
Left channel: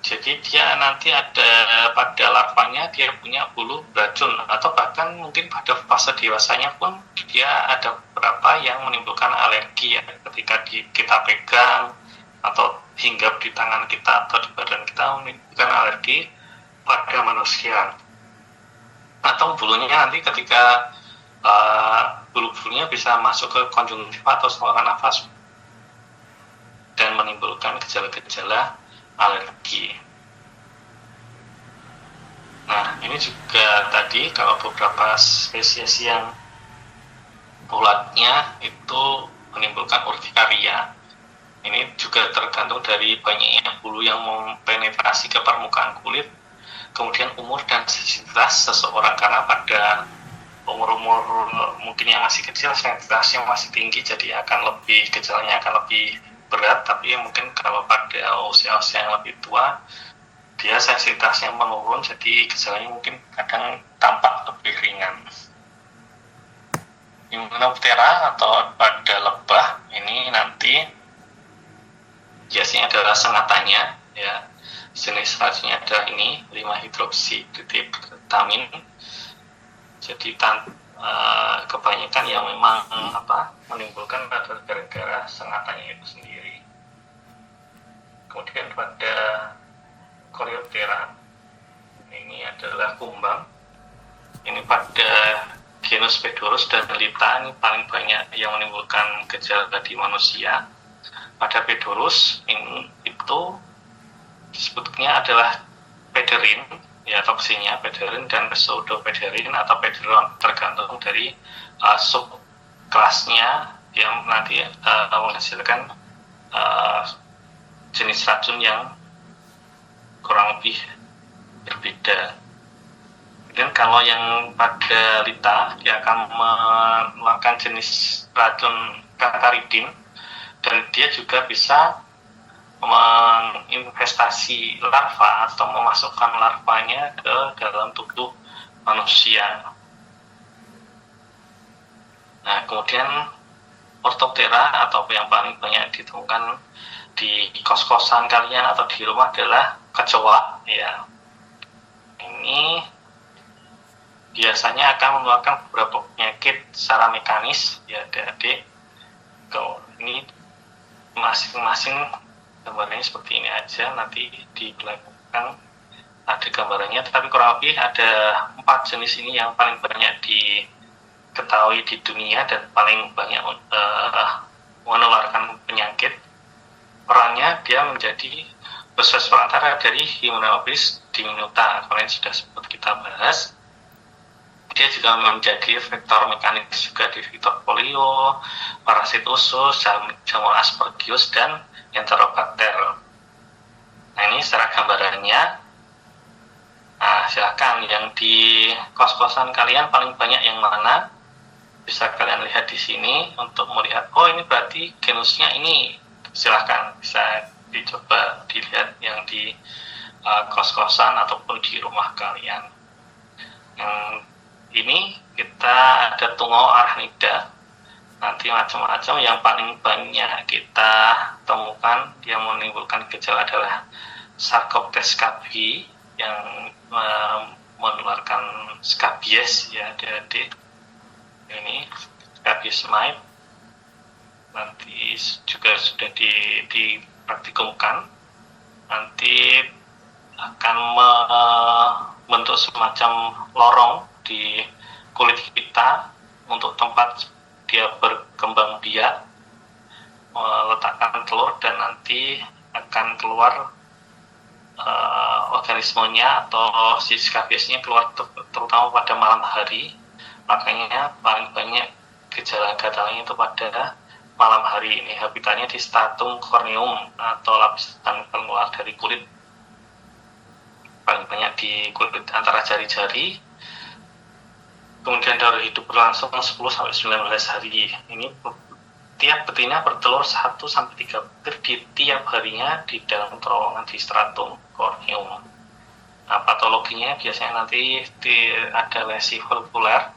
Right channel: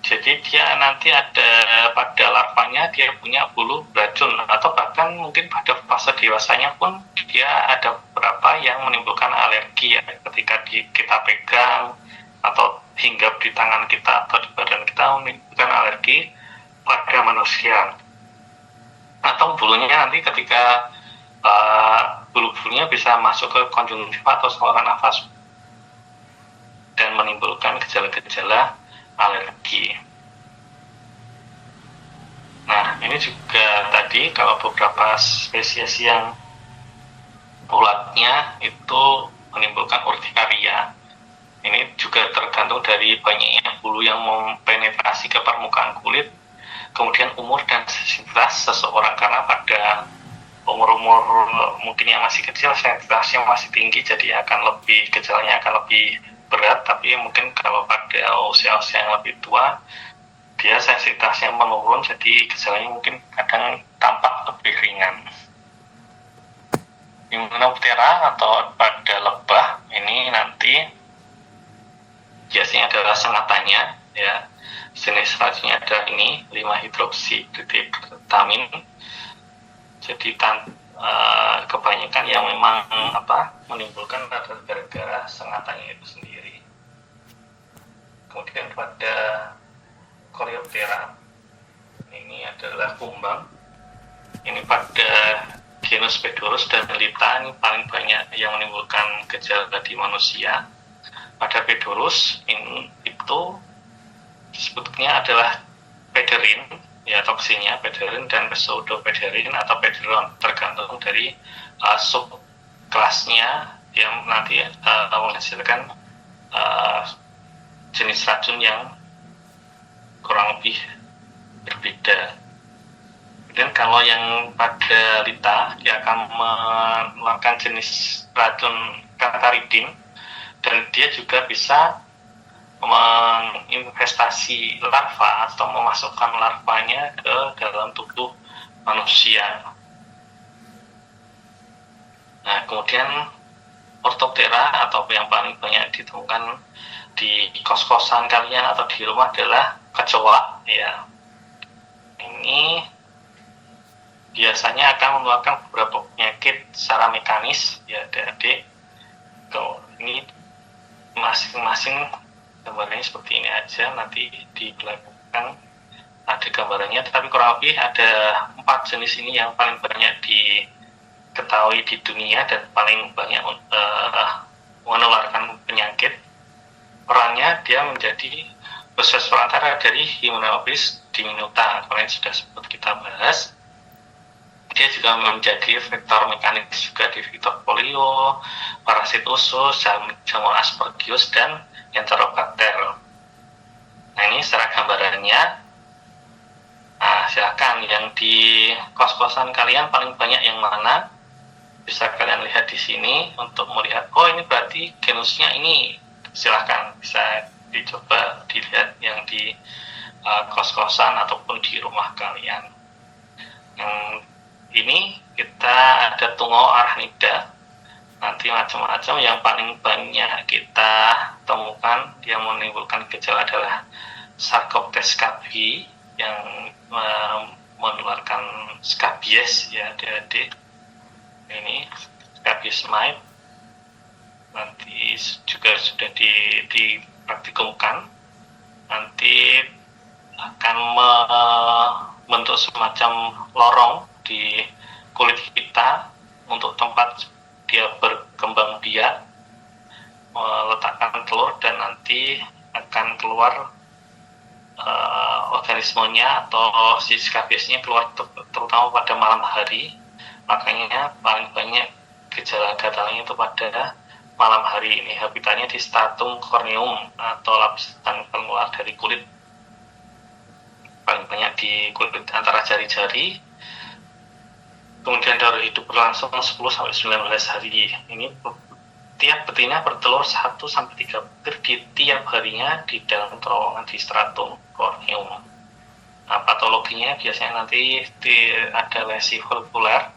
Jadi dia nanti ada pada larvanya dia punya bulu beracun, atau bahkan mungkin pada fase dewasanya pun dia ada beberapa yang menimbulkan alergi ya, ketika kita pegang atau hinggap di tangan kita atau di badan kita menimbulkan alergi pada manusia. Atau bulunya nanti ketika bulu-bulunya bisa masuk ke konjungtiva atau saluran nafas dan menimbulkan gejala-gejala alergi. Nah, ini juga tadi kalau beberapa spesies yang ulatnya itu menimbulkan urtikaria. Ini juga tergantung dari banyaknya bulu yang mempenetrasi ke permukaan kulit, kemudian umur dan sensitivitas seseorang, karena pada umur-umur mungkin yang masih kecil sensitivitasnya masih tinggi, jadi gejalanya akan lebih berat, tapi mungkin kalau pada usia-usia yang lebih tua dia sensitivitasnya menurun, jadi gejalanya mungkin kadang tampak lebih ringan. Hymenoptera atau pada lebah ini nanti biasanya adalah sengatannya, ya, jenis racunnya adalah ini 5-hidroksitriptamin. Jadi kebanyakan yang memang menimbulkan adalah gara-gara sengatannya itu sendiri. Kemudian pada Coleoptera ini adalah kumbang. Ini pada genus Pedorus dan Lita ini paling banyak yang menimbulkan gejala di manusia. Pada Pedorus itu disebutnya adalah pederin, ya, toksinnya pederin dan pseudopederin atau pederon, tergantung dari subkelasnya yang nanti menghasilkan jenis racun yang kurang lebih berbeda. Dan kalau yang pada Lita dia akan mengeluarkan jenis racun kantaridin, dan dia juga bisa menginvestasi larva atau memasukkan larvanya ke dalam tubuh manusia. Nah, kemudian Orthoptera atau yang paling banyak ditemukan di kos-kosan kalian atau di rumah adalah kecoa, ya. Ini biasanya akan menularkan beberapa penyakit secara mekanis, ya, adik-adik. Ini masing-masing gambarnya seperti ini aja, nanti di belakang ada gambarannya, tapi kurang lebih ada 4 jenis ini yang paling banyak diketahui di dunia dan paling banyak menularkan penyakit. Perannya dia menjadi proses perantara dari Hymenopteris diminuta, kemarin sudah sempat kita bahas. Dia juga menjadi vektor mekanis juga di vektor polio, parasit usus, jamur aspergillus, dan enterobakter. Nah, ini secara gambarannya. Nah, silakan yang di kos-kosan kalian paling banyak yang mana? Bisa kalian lihat di sini untuk melihat, oh ini berarti genusnya ini. Silakan bisa dicoba dilihat yang di kos-kosan ataupun di rumah kalian. Ini kita ada tungau arachnida, nanti macam-macam. Yang paling banyak kita temukan yang menimbulkan gejala adalah Sarcoptes scabiei yang menularkan skabies, ya, adik-adik. Ini Scabies mite nanti juga sudah dipraktikumkan, nanti akan membentuk semacam lorong di kulit kita untuk tempat dia berkembang biak, meletakkan telur, dan nanti akan keluar organismenya atau si skabiesnya keluar terutama pada malam hari. Makanya paling banyak gejala gatalnya itu pada malam hari. Ini habitatnya di stratum corneum atau lapisan pengeluar dari kulit, paling banyak di kulit antara jari-jari. Kemudian darah hidup berlangsung 10-19 hari. Ini tiap betina bertelur 1-3 butir di tiap harinya di dalam terowongan di stratum corneum. Nah, patologinya biasanya nanti ada lesi folikuler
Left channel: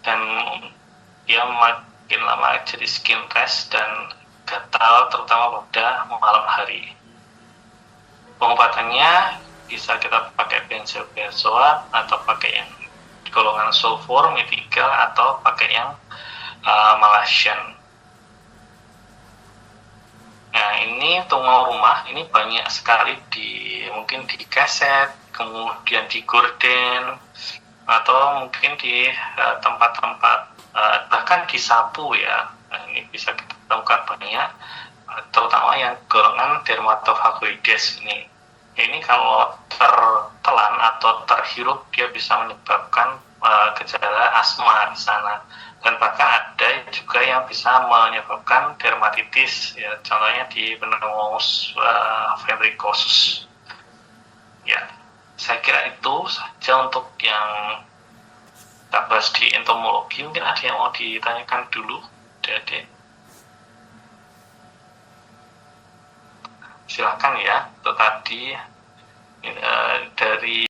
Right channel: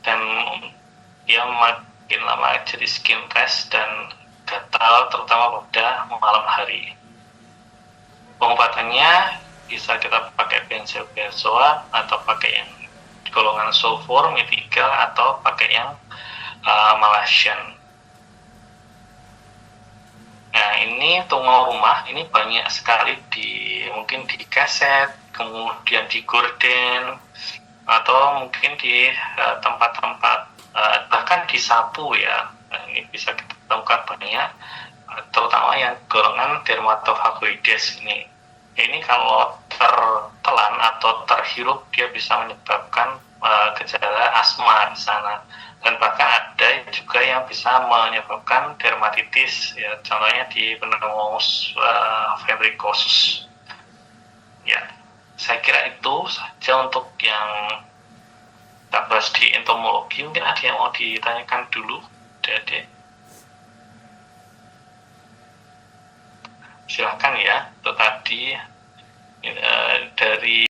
dan dia makin lama jadi skin rash dan gatal terutama pada malam hari. Pengobatannya bisa kita pakai benzoazoa atau pakai yang golongan sulfur, metigal atau pakai yang Malaysian. Nah, ini tungau rumah ini banyak sekali mungkin di keset, kemudian di gorden, atau mungkin di tempat-tempat bahkan di sapu ya. Nah, ini bisa kita temukan banyak, terutama yang golongan dermatofagoides ini. Ini kalau tertelan atau terhirup dia bisa menyebabkan gejala asma di sana. Dan bahkan ada juga yang bisa menyebabkan dermatitis, ya, contohnya di pneumonia verrucosus. Ya, saya kira itu saja untuk yang kita bahas di entomologi. Mungkin ada yang mau ditanyakan dulu, Dede? Silakan ya, itu tadi dari